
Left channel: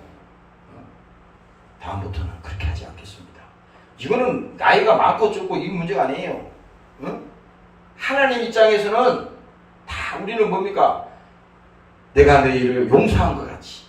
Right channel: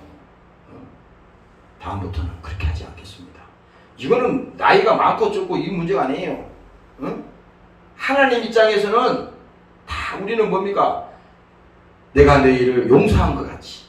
다음부터는 그렇게 하지 않겠습니다. 이거는 나이가 많고 적고 이 문제가 아니에요. 하나님 입장에서는 다 우리는 뭡니까? 내가 너희를 용서한 것 같이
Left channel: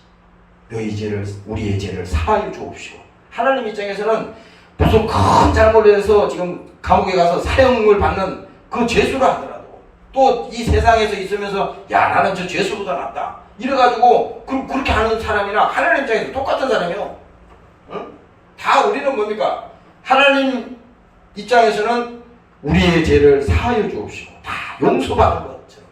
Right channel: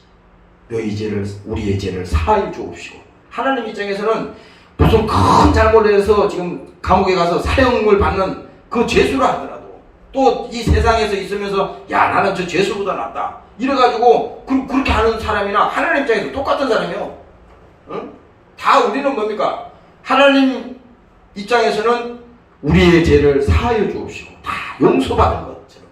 너희 죄를, 우리의 죄를 사하여 주옵시고. 하나님 입장에서는 무슨 큰 잘못을 해서 지금 감옥에 가서 사형을 받는 그 죄수라 하더라도, 또 이 세상에서 있으면서 야, 나는 저 죄수보다 낫다 이래가지고 그렇게 하는 사람이나 하나님 입장에서 똑같은 사람이요. 다 우리는 뭡니까? 하나님 입장에서는 우리의 죄를 사하여 주옵시고 다 용서받은 것처럼.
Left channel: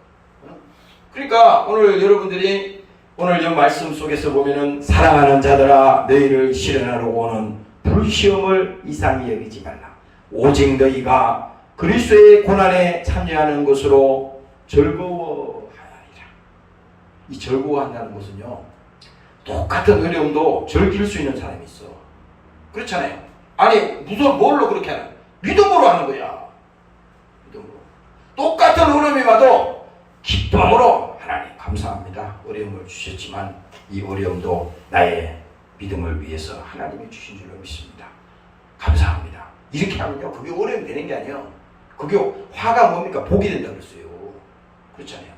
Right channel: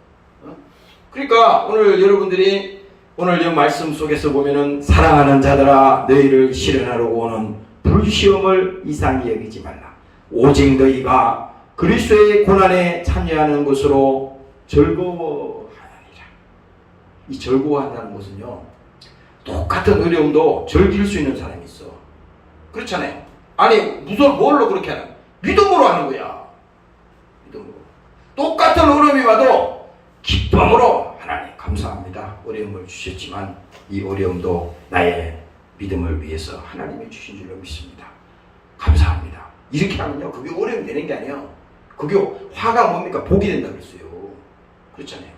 그러니까 오늘 여러분들이 오늘 이 말씀 속에서 보면은 사랑하는 자들아 너희를 시련하려고 오는 불시험을 이상히 여기지 말라. 오직 너희가 그리스도의 고난에 참여하는 것으로 즐거워하느니라. 이 즐거워한다는 것은요, 똑같은 어려움도 즐길 수 있는 사람이 있어. 그렇잖아요. 아니 무슨 뭘로 그렇게 하는? 믿음으로 하는 거야. 믿음으로. 똑같은 어려움이 와도 기쁨으로 하나님 감사합니다. 어려움을 주셨지만 이 어려움도 나의 믿음을 위해서 하나님이 주신 줄로 믿습니다. 감사합니다. 이렇게 하면요, 그게 어려움이 되는 게 아니에요. 그게 화가 뭡니까? 복이 된다고 했어요. 그렇잖아요.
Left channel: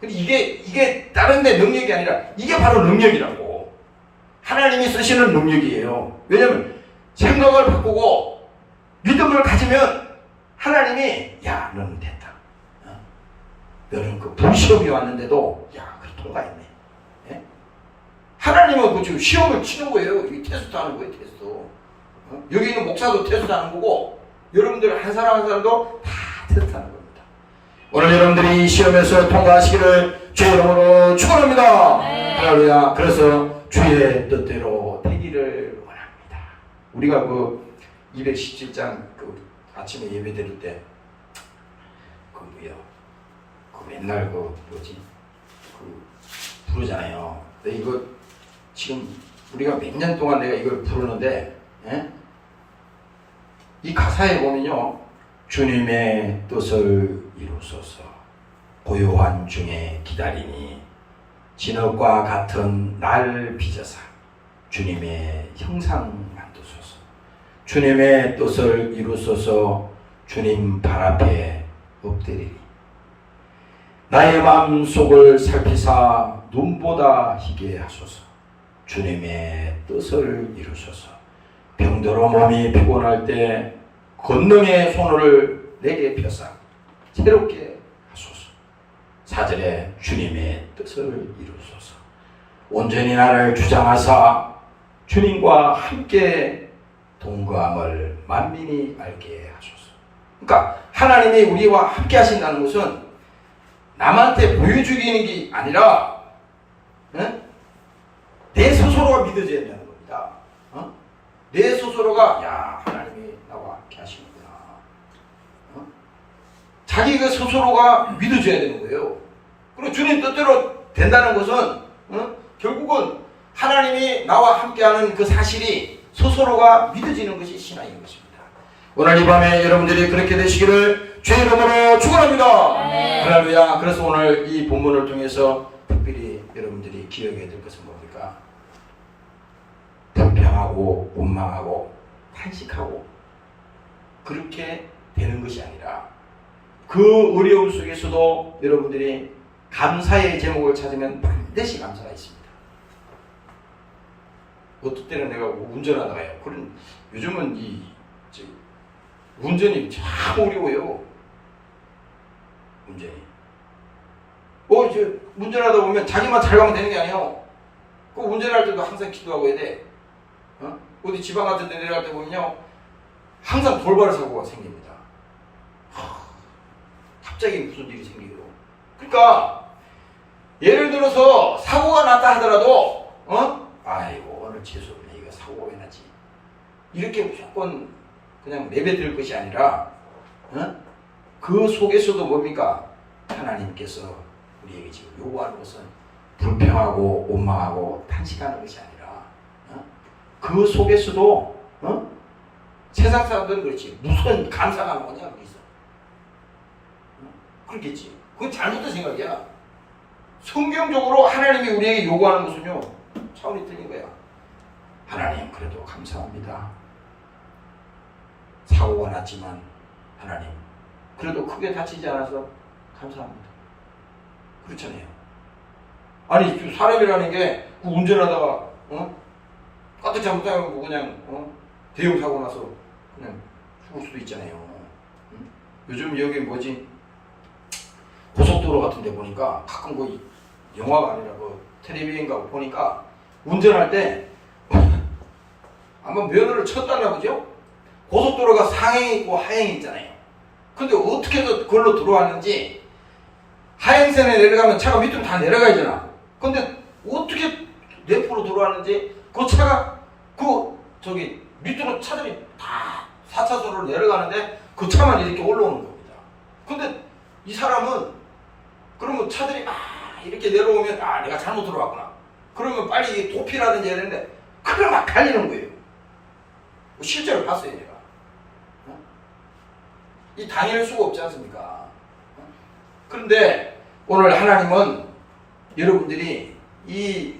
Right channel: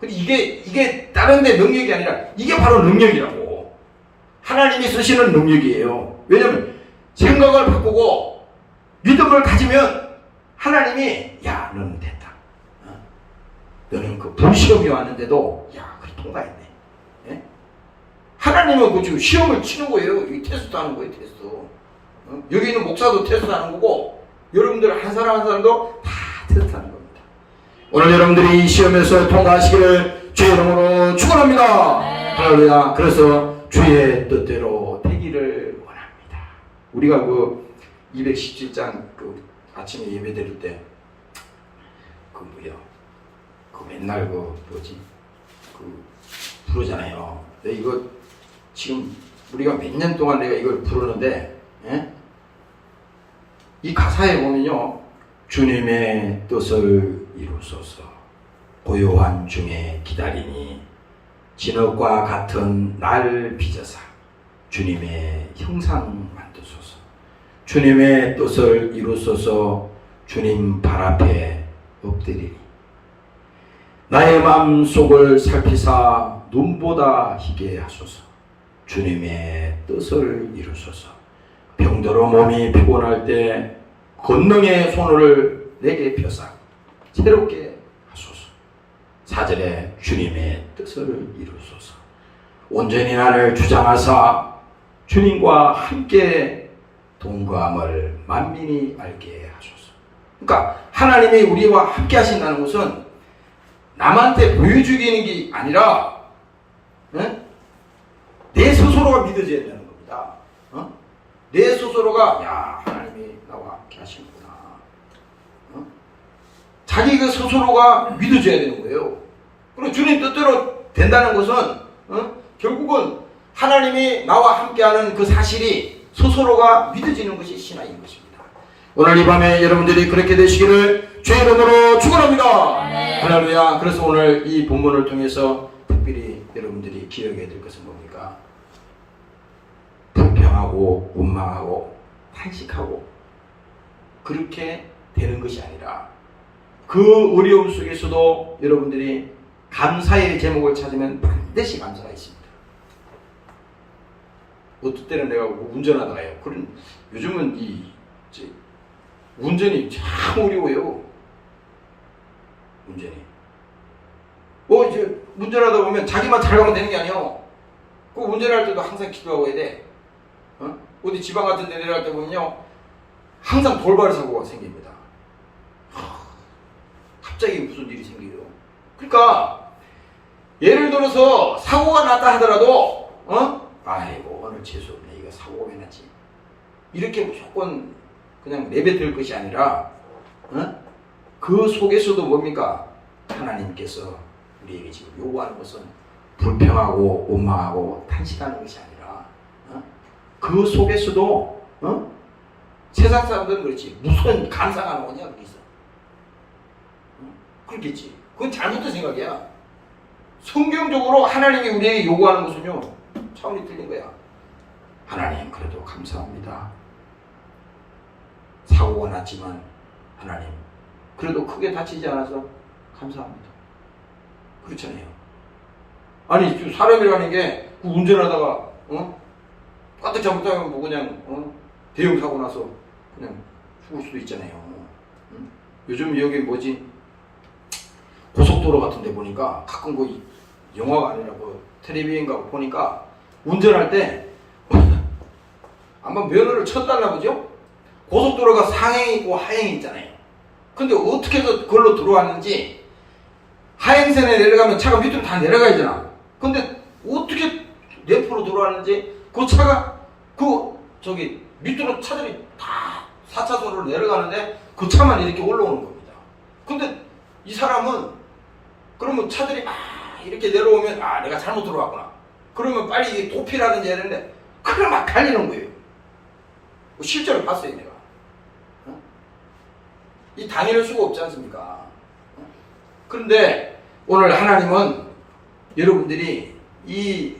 근데 이게 다른 데 능력이 아니라 이게 바로 능력이라고. 하나님이 쓰시는 능력이에요. 왜냐면 생각을 바꾸고 믿음을 가지면 하나님이 야, 너는 됐다. 너는 그 불시험이 왔는데도 야, 그래 통과했네. 예? 하나님은 그 지금 시험을 치는 거예요. 이 테스트 하는 거예요, 테스트. 여기 있는 목사도 테스트 하는 거고, 여러분들 한 사람 한 사람도 다 테스트 하는 겁니다. 오늘 여러분들이 이 시험에서 통과하시기를 주의 이름으로 축원합니다. 할렐루야. 그래서 주의 뜻대로 되기를 원합니다. 우리가 그 217장 그 아침에 예배 드릴 때 그 뭐요? 그 맨날 그 뭐지? 그 부르잖아요. 근데 이거 지금 우리가 몇 년 동안 내가 이걸 부르는데, 이 가사에 보면요, 주님의 뜻을 이루소서 고요한 중에 기다리니 진흙과 같은 날 빚어사 주님의 형상 만드소서. 주님의 뜻을 이루소서. 주님 발 앞에 엎드리리. 나의 마음속을 살피사 눈보다 희게 하소서. 주님의 뜻을 이루소서. 병들어 몸이 피곤할 때 권능의 손을 내게 펴사 새롭게 하소서. 4절에 주님의 뜻을 이루소서. 온전히 나를 주장하사 주님과 함께 동거함을 만민이 알게 하소서. 그러니까 하나님이 우리와 함께 하신다는 것은 남한테 보여주기는 게 아니라 내 스스로가 믿어져야 된다는 겁니다. 내 스스로가 야 하나님이 나와 함께 하시는구나. 자기 그 스스로가 믿어져야 되는 거예요. 그리고 주님 뜻대로 된다는 것은 결국은 하나님이 나와 함께하는 그 사실이 스스로가 믿어지는 것이 신앙인 것입니다. 오늘 이 밤에 여러분들이 그렇게 되시기를 주의 이름으로 축원합니다. 할렐루야. 그래서 오늘 이 본문을 통해서 특별히 여러분들이 기억해야 될 것은 뭡니까? 불평하고 원망하고 탄식하고 그렇게 되는 것이 아니라 그 어려움 속에서도 여러분들이 감사의 제목을 찾으면 반드시 감사가 있습니다. 어떨 때는 내가 운전하다가요. 그런 요즘은 운전이 참 어려워요. 운전이. 이제 운전하다 보면 자기만 잘 가면 되는 게 아니에요. 그 운전할 때도 항상 기도하고 해야 돼. 어디 지방 같은 데 내려갈 때 보면요. 항상 돌발 사고가 생깁니다. 갑자기 무슨 일이 생겨요. 그러니까 예를 들어서 사고가 났다 하더라도 아이고 오늘 재수없네. 이거 사고가 왜 났지? 이렇게 무조건 그냥 내뱉을 것이 아니라 그 속에서도 뭡니까? 하나님께서 우리에게 지금 요구하는 것은 불평하고 원망하고 탄식하는 것이 아니라 그 속에서도 세상 사람들은 그렇지 무슨 감사가 뭐냐 거기서 그렇겠지. 그건 잘못된 생각이야. 성경적으로 하나님이 우리에게 요구하는 것은요 차원이 틀린 거야. 하나님 그래도 감사합니다. 사고가 났지만 하나님 그래도 크게 다치지 않아서 감사합니다. 그렇잖아요. 아니 사람이라는 게 운전하다가 까뜩 잘못하면 뭐 그냥 대형 사고 나서 그냥 죽을 수도 있잖아요. 요즘 여기 뭐지 고속도로 같은 데 보니까 가끔 그 영화가 아니라 그 텔레비전 가고 보니까 운전할 때 아마 면허를 쳤달나 보죠? 고속도로가 상행이 있고 하행이 있잖아요. 근데 어떻게 해서 그걸로 들어왔는지 하행선에 내려가면 차가 밑으로 다 내려가야잖아. 근데 어떻게 내포로 들어왔는지 그 차가 밑으로 차들이 다 4차선으로 내려가는데 그 차만 이렇게 올라오는 겁니다. 근데 이 사람은 그러면 차들이 막 이렇게 내려오면 내가 잘못 들어왔구나. 그러면 빨리 도피라든지 해야 되는데 그걸 막 달리는 거예요. 실제로 봤어요 내가. 이 당연할 수가 없지 않습니까? 그런데 오늘 하나님은 여러분들이 이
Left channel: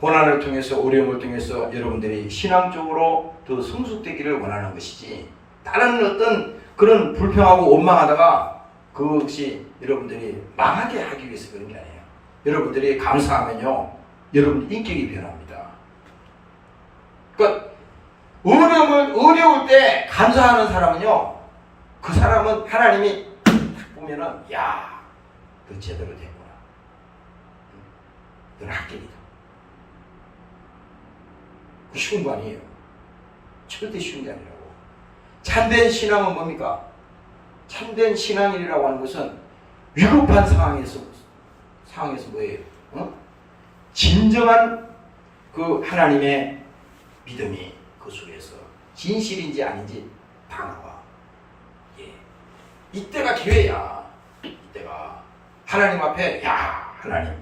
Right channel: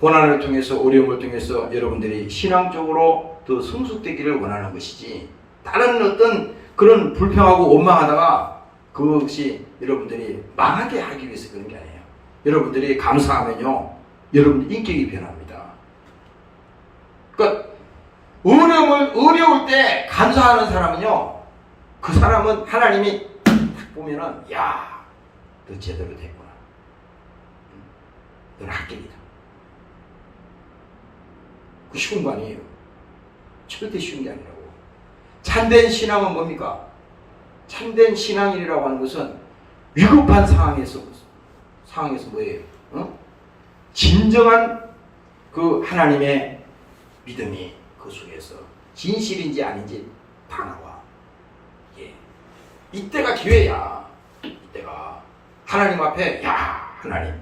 고난을 통해서 어려움을 통해서 여러분들이 신앙적으로 더 성숙되기를 원하는 것이지 다른 어떤 그런 불평하고 원망하다가 그것이 여러분들이 망하게 하기 위해서 그런 게 아니에요. 여러분들이 감사하면요 여러분 인격이 변합니다. 그러니까 어려울 때 감사하는 사람은요 그 사람은 하나님이 딱 보면은 야, 너 제대로 됐구나. 너는 합격이다. 그 쉬운 거 아니에요. 절대 쉬운 게 아니라고. 참된 신앙은 뭡니까? 참된 신앙이라고 하는 것은 위급한 상황에서 뭐예요? 진정한 그 하나님의 믿음이 그 속에서 진실인지 아닌지 다 나와. 이때가 기회야. 이때가 하나님 앞에 하나님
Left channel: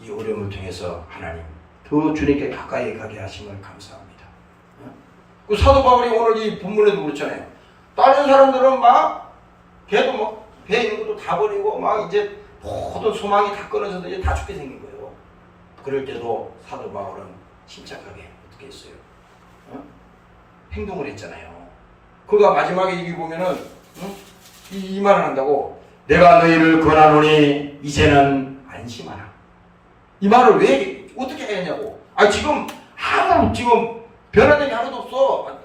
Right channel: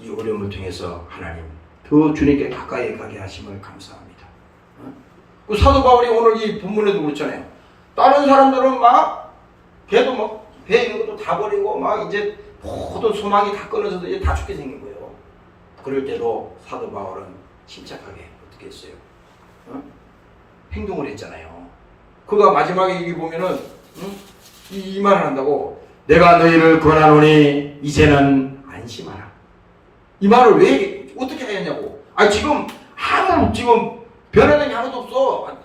이 어려움을 통해서 하나님 더 주님께 가까이 가게 하심을 감사합니다. 그 사도 바울이 오늘 이 본문에도 그렇잖아요. 다른 사람들은 걔도 배 있는 것도 다 버리고 이제 모든 소망이 다 끊어져서 이제 다 죽게 생긴 거예요. 그럴 때도 사도 바울은 침착하게 어떻게 했어요? 행동을 했잖아요. 그가 마지막에 여기 보면은 이 말을 한다고, 내가 너희를 권하노니 이제는 안심하라. 이 말을 왜 어떻게 했냐고. 지금 지금 변화된 게 아무도 없어.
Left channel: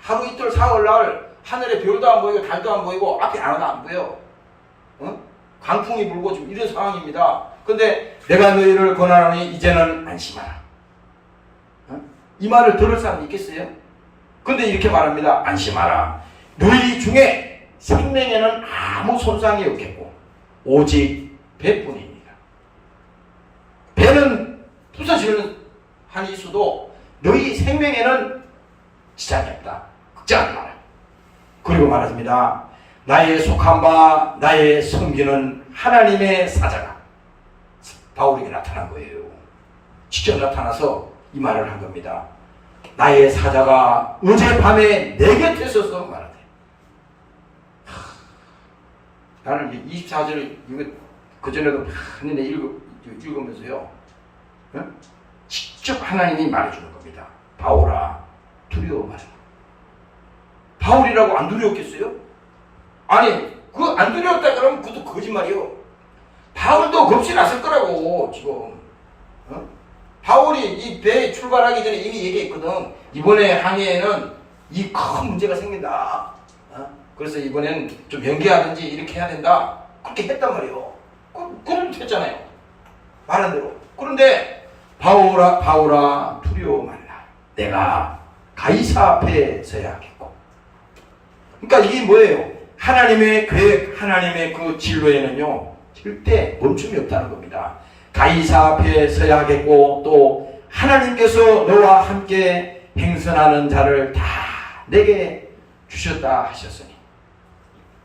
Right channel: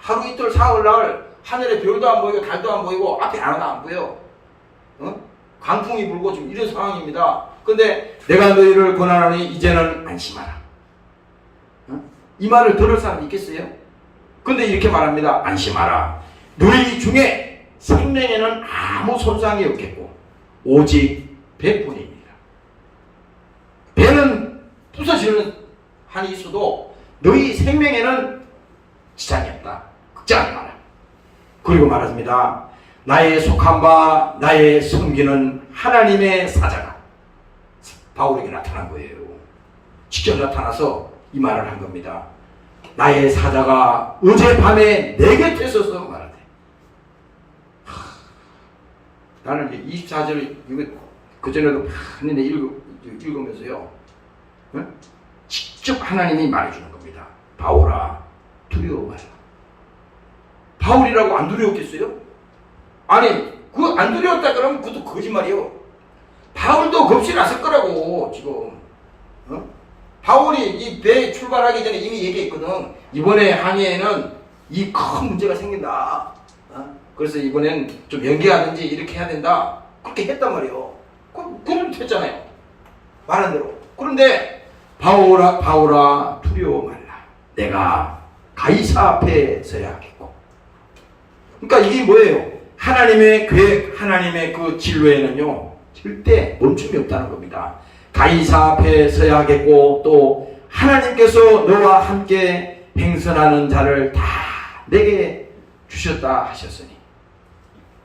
하루 이틀 사흘 날 하늘에 별도 안 보이고 달도 안 보이고 앞에 하나도 안 보여. 강풍이 불고 지금 이런 상황입니다. 근데 내가 너희를 권하노니 이제는 안심하라. 이 말을 들을 사람이 있겠어요? 근데 이렇게 말합니다. 안심하라. 너희 중에 생명에는 아무 손상이 없겠고 오직 배뿐이니라. 배는 부서지는 한이 있어도 너희 생명에는 지장이 없다. 걱정하지 마라. 그리고 말합니다. 나의 속한 바 나의 섬기는 하나님의 사자가 바울에게 나타난 거예요. 직접 나타나서 이 말을 한 겁니다. 나의 사자가 어젯밤에 내 곁에 서서 말하되. 나는 24절을 그전에도 많이 읽으면서요, 직접 하나님이 말해주는 겁니다. 바울아, 두려워 마라. 바울이라고 안 두려웠겠어요? 그 안 두려웠다 그러면 그것도 거짓말이요. 바울도 겁이 났을 거라고, 지금. 바울이 이 배에 출발하기 전에 이미 얘기했거든. 이번에 항해에는 이 큰 문제가 생긴다. 그래서 이번엔 좀 연기하든지 이렇게 해야 된다. 그렇게 했단 말이에요. 그럼 됐잖아요. 말한 대로. 그런데 바울아 두려워 말라. 내가 가이사 앞에 서야 하겠고. 그러니까 이게 뭐예요? 하나님의 계획, 하나님의 그 진로에는요, 절대 멈춤이 없다는 겁니다. 가이사 앞에 서야 하겠고, 또 하나님께서 너와 함께 행선하는 자를 다 내게 주셨다 하셨으니,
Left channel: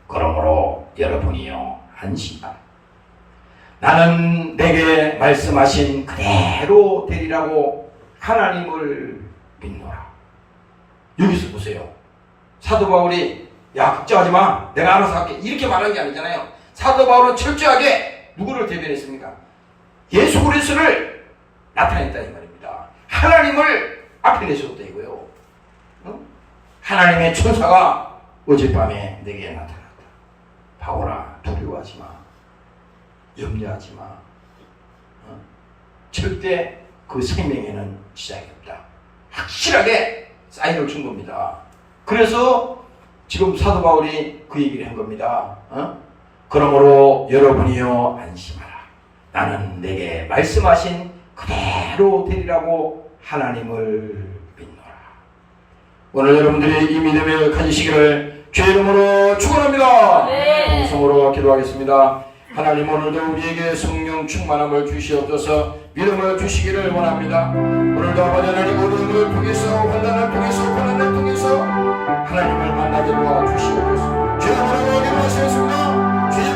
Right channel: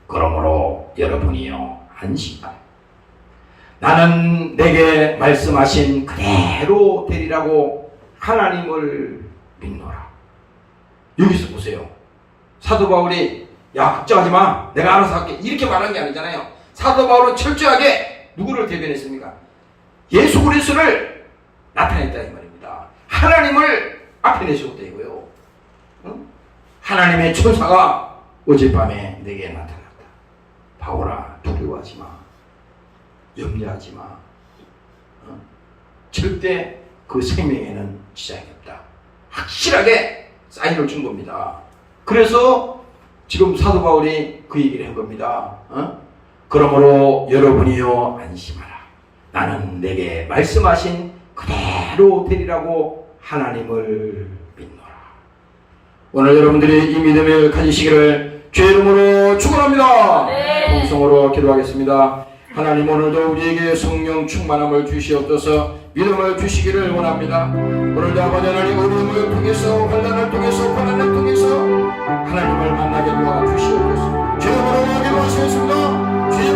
그러므로 여러분이요, 안심하라. 나는 내게 말씀하신 그대로 되리라고 하나님을 믿노라. 여기서 보세요. 사도 바울이 야, 걱정하지 마, 내가 알아서 할게, 이렇게 말한 게 아니잖아요. 사도 바울은 철저하게 누구를 대변했습니까? 예수 그리스도를 나타냈다 이 말입니다. 하나님을 앞에 내셨다 이거요. 하나님의 천사가 어젯밤에 내게 나타났다. 바울아, 두려워하지 마, 염려하지 마. 절대 그 생명에는 지장이 없다. 확실하게 사인을 준 겁니다. 그래서 지금 사도 바울이 그 얘기를 한 겁니다. 그러므로 여러분이요, 안심하라. 나는 내게 말씀하신 그대로 되리라고 하나님을 믿노라. 오늘 여러분들이 이 믿음을 가지시기를 주의 이름으로 축원합니다. 동성으로 기도하겠습니다. 하나님, 오늘도 우리에게 성령 충만함을 주시옵소서. 믿음을 주시기를 원합니다. 오늘도 아버지 하나님, 어려움을 통해서, 환난을 통해서, 고난을 통해서 하나님을 만나게 도와주시옵소서. 주의 이름으로 기도하시겠습니다. 주의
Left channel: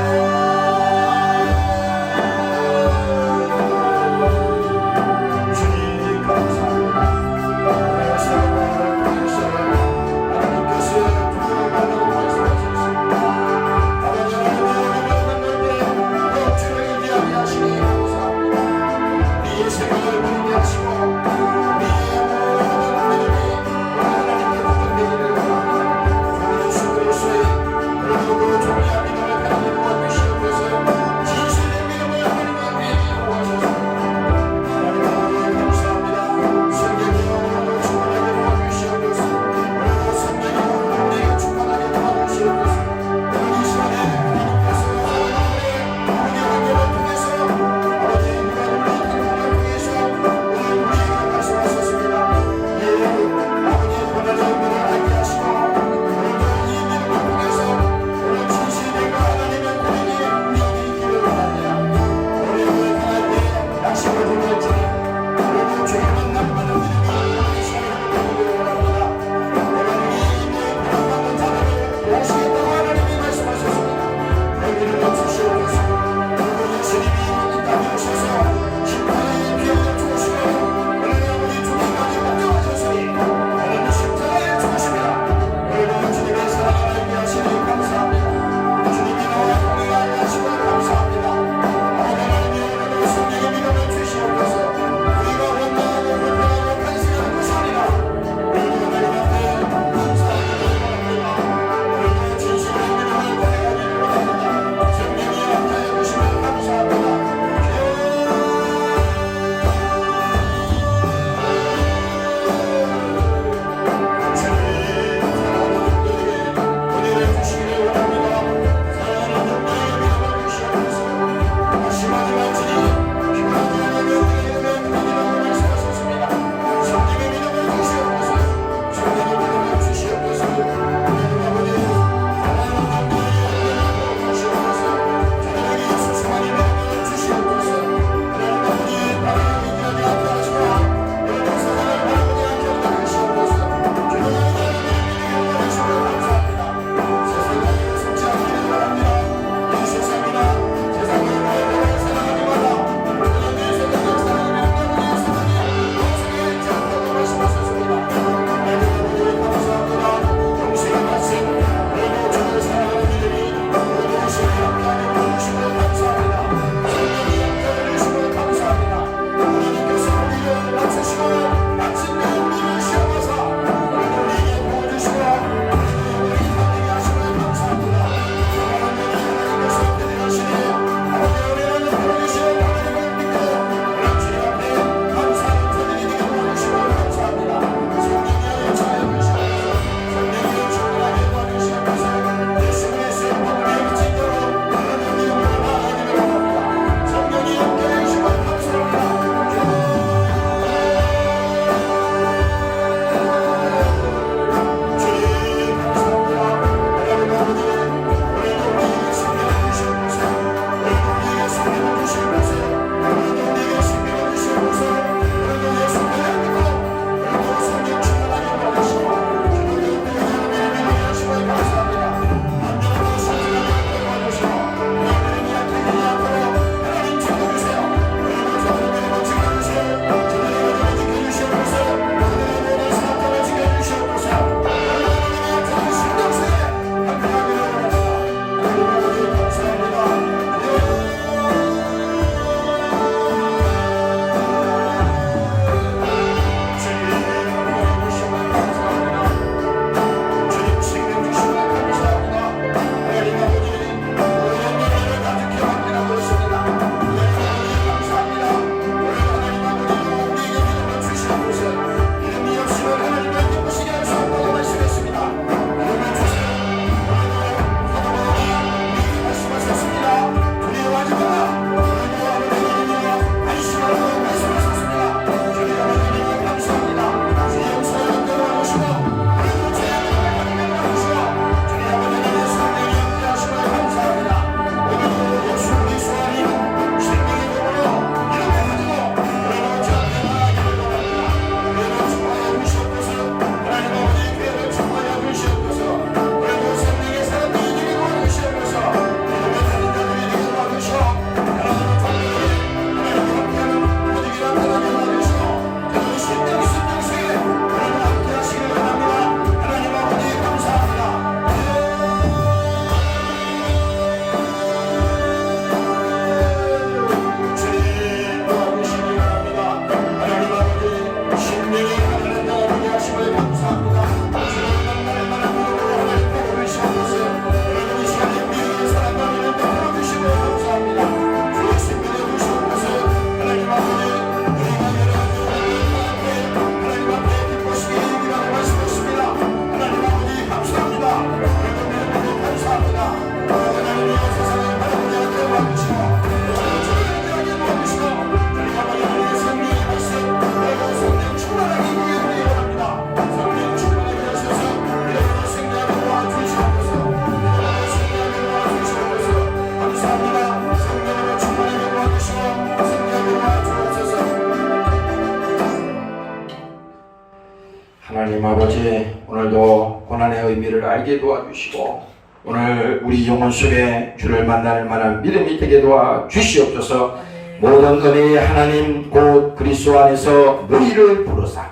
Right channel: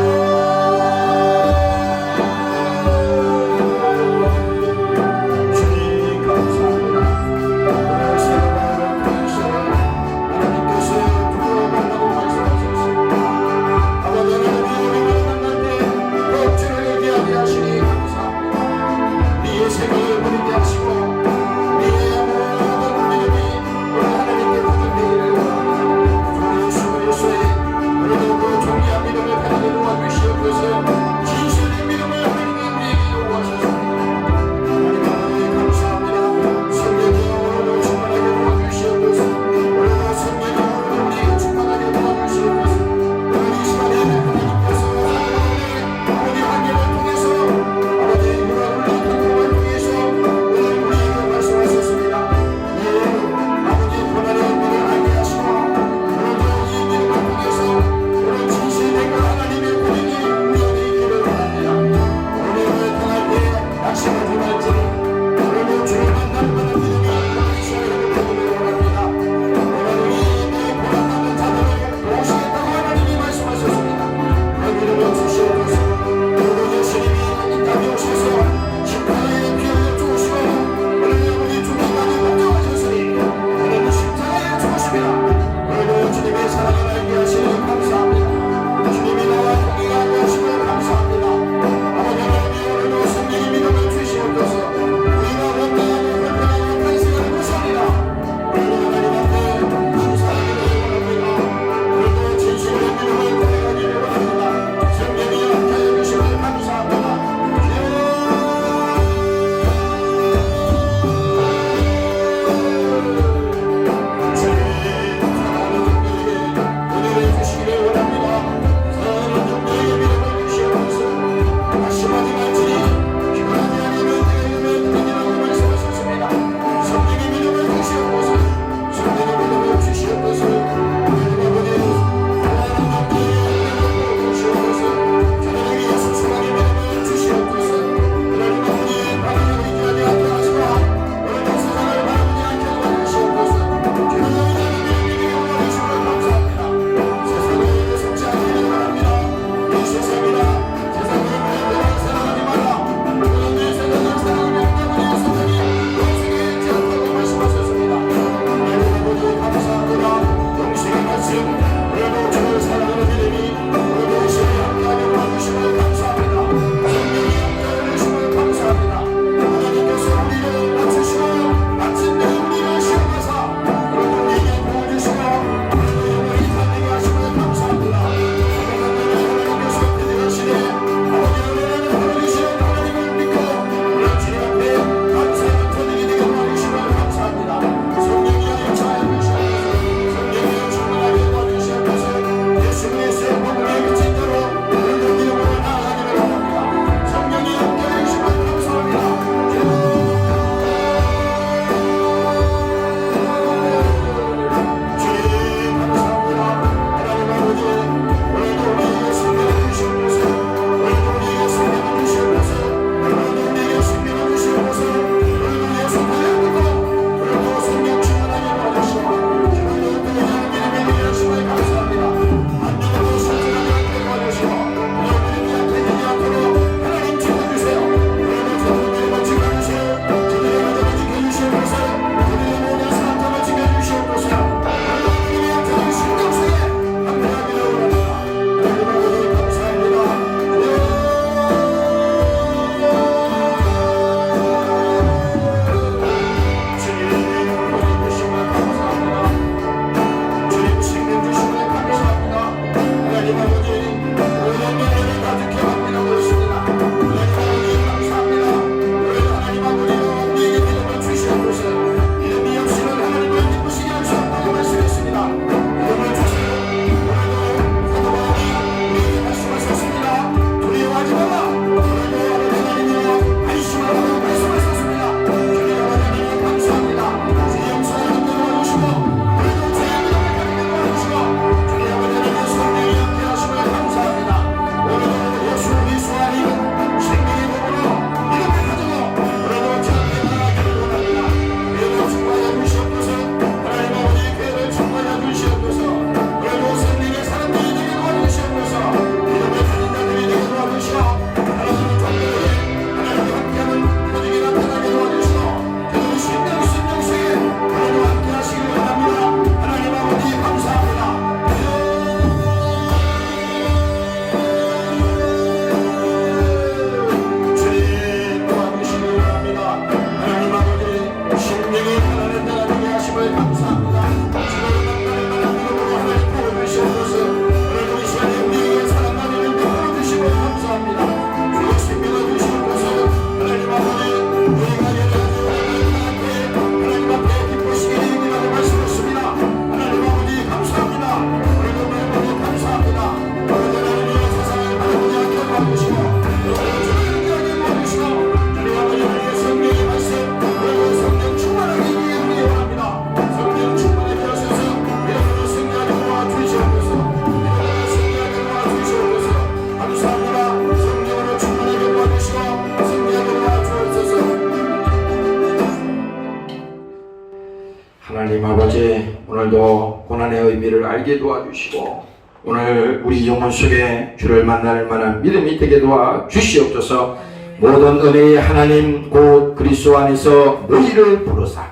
오늘도 고난의 의미를 알게 도와주시고 오늘 우리 영혼 속에 주를 만날 만한 믿음이 되게 도와주시옵소서. 모든 은혜의 하나님 곧 그리스도 안에서 너희를 부르사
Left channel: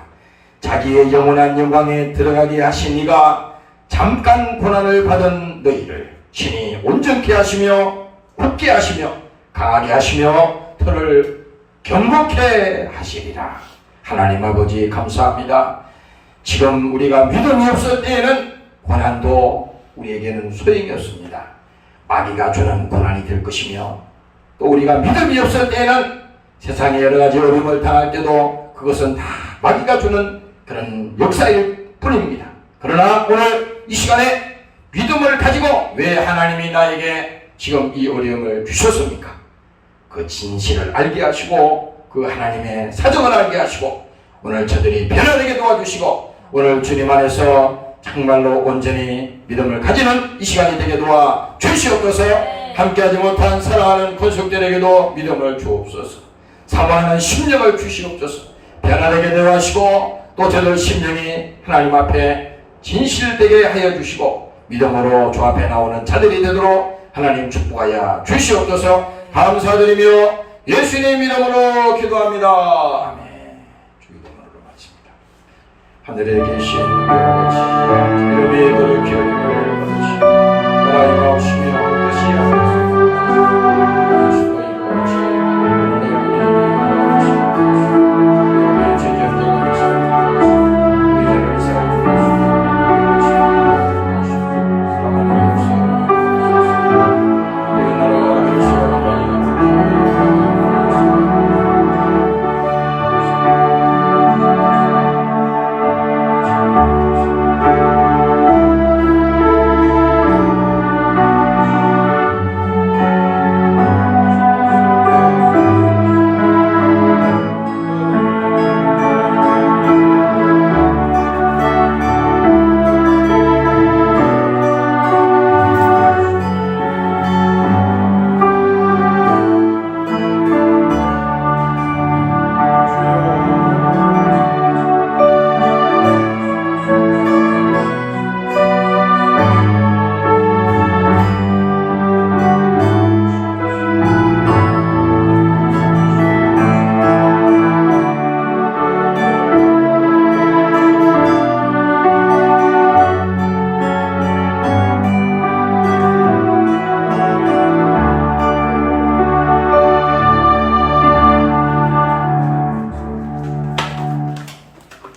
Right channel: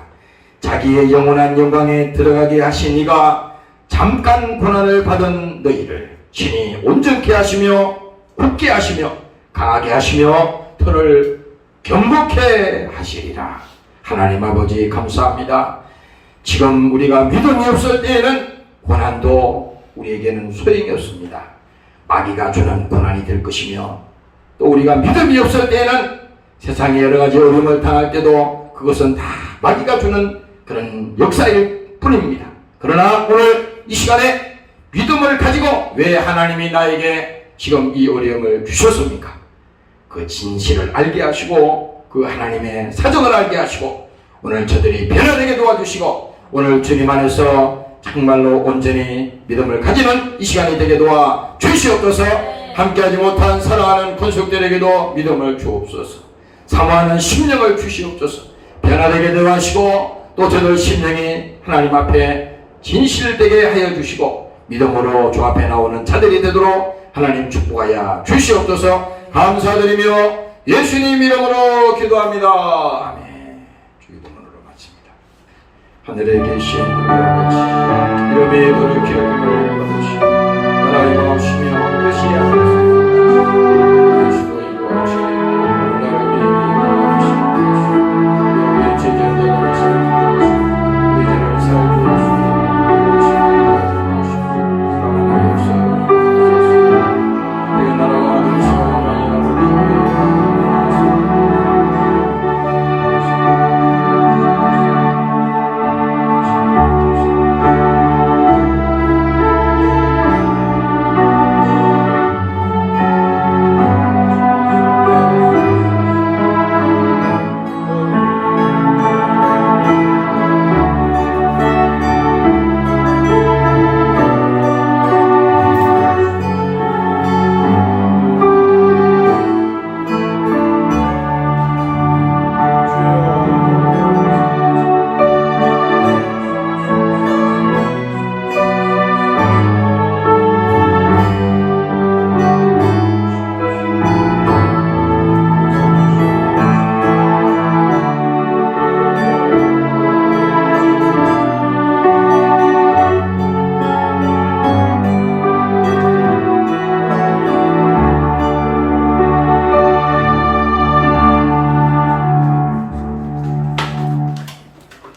자기의 영원한 영광에 들어가게 하신 이가 잠깐 고난을 받은 너희를 친히 온전케 하시며 굳게 하시며 강하게 하시며 터를 경복케 하시리라. 하나님 아버지 감사합니다. 지금 우리가 믿음이 없을 때에는 고난도 우리에게는 소용이 없습니다. 마귀가 주는 고난이 될 것이며 또 우리가 믿음이 없을 때에는 세상에 여러가지 어려움을 당할 때도 그것은 다 마귀가 주는 그런 역사일 뿐입니다. 그러나 오늘 이 시간에 믿음을 가지고 왜 하나님이 나에게 지금 이 어려움을 주셨습니까? 그 진실을 알게 하시고 그 하나님의 사정을 알게 하시고 오늘 저들이 변화되게 도와주시고 오늘 주님 안에서 정말로 온전히 믿음을 가지는 이 시간이 되게 도와 주시옵소서. 함께하지 못한 사랑하는 권속들에게도 믿음을 주옵소서. 사모하는 심령을 주시옵소서. 변화되게 도와주시고 또 저들 심령이 하나님 앞에 진실되게 하여 주시고 믿음으로 주 앞에 나오는 자들이 되도록 하나님 축복하여 주시옵소서. 감사드리며 예수님 이름으로 기도합니다. 아멘. 주의 이름으로 마칩니다. 하늘에 계신 우리 아버지 이름이 그를 기억하며 받으시고 나라가 오시며 뜻이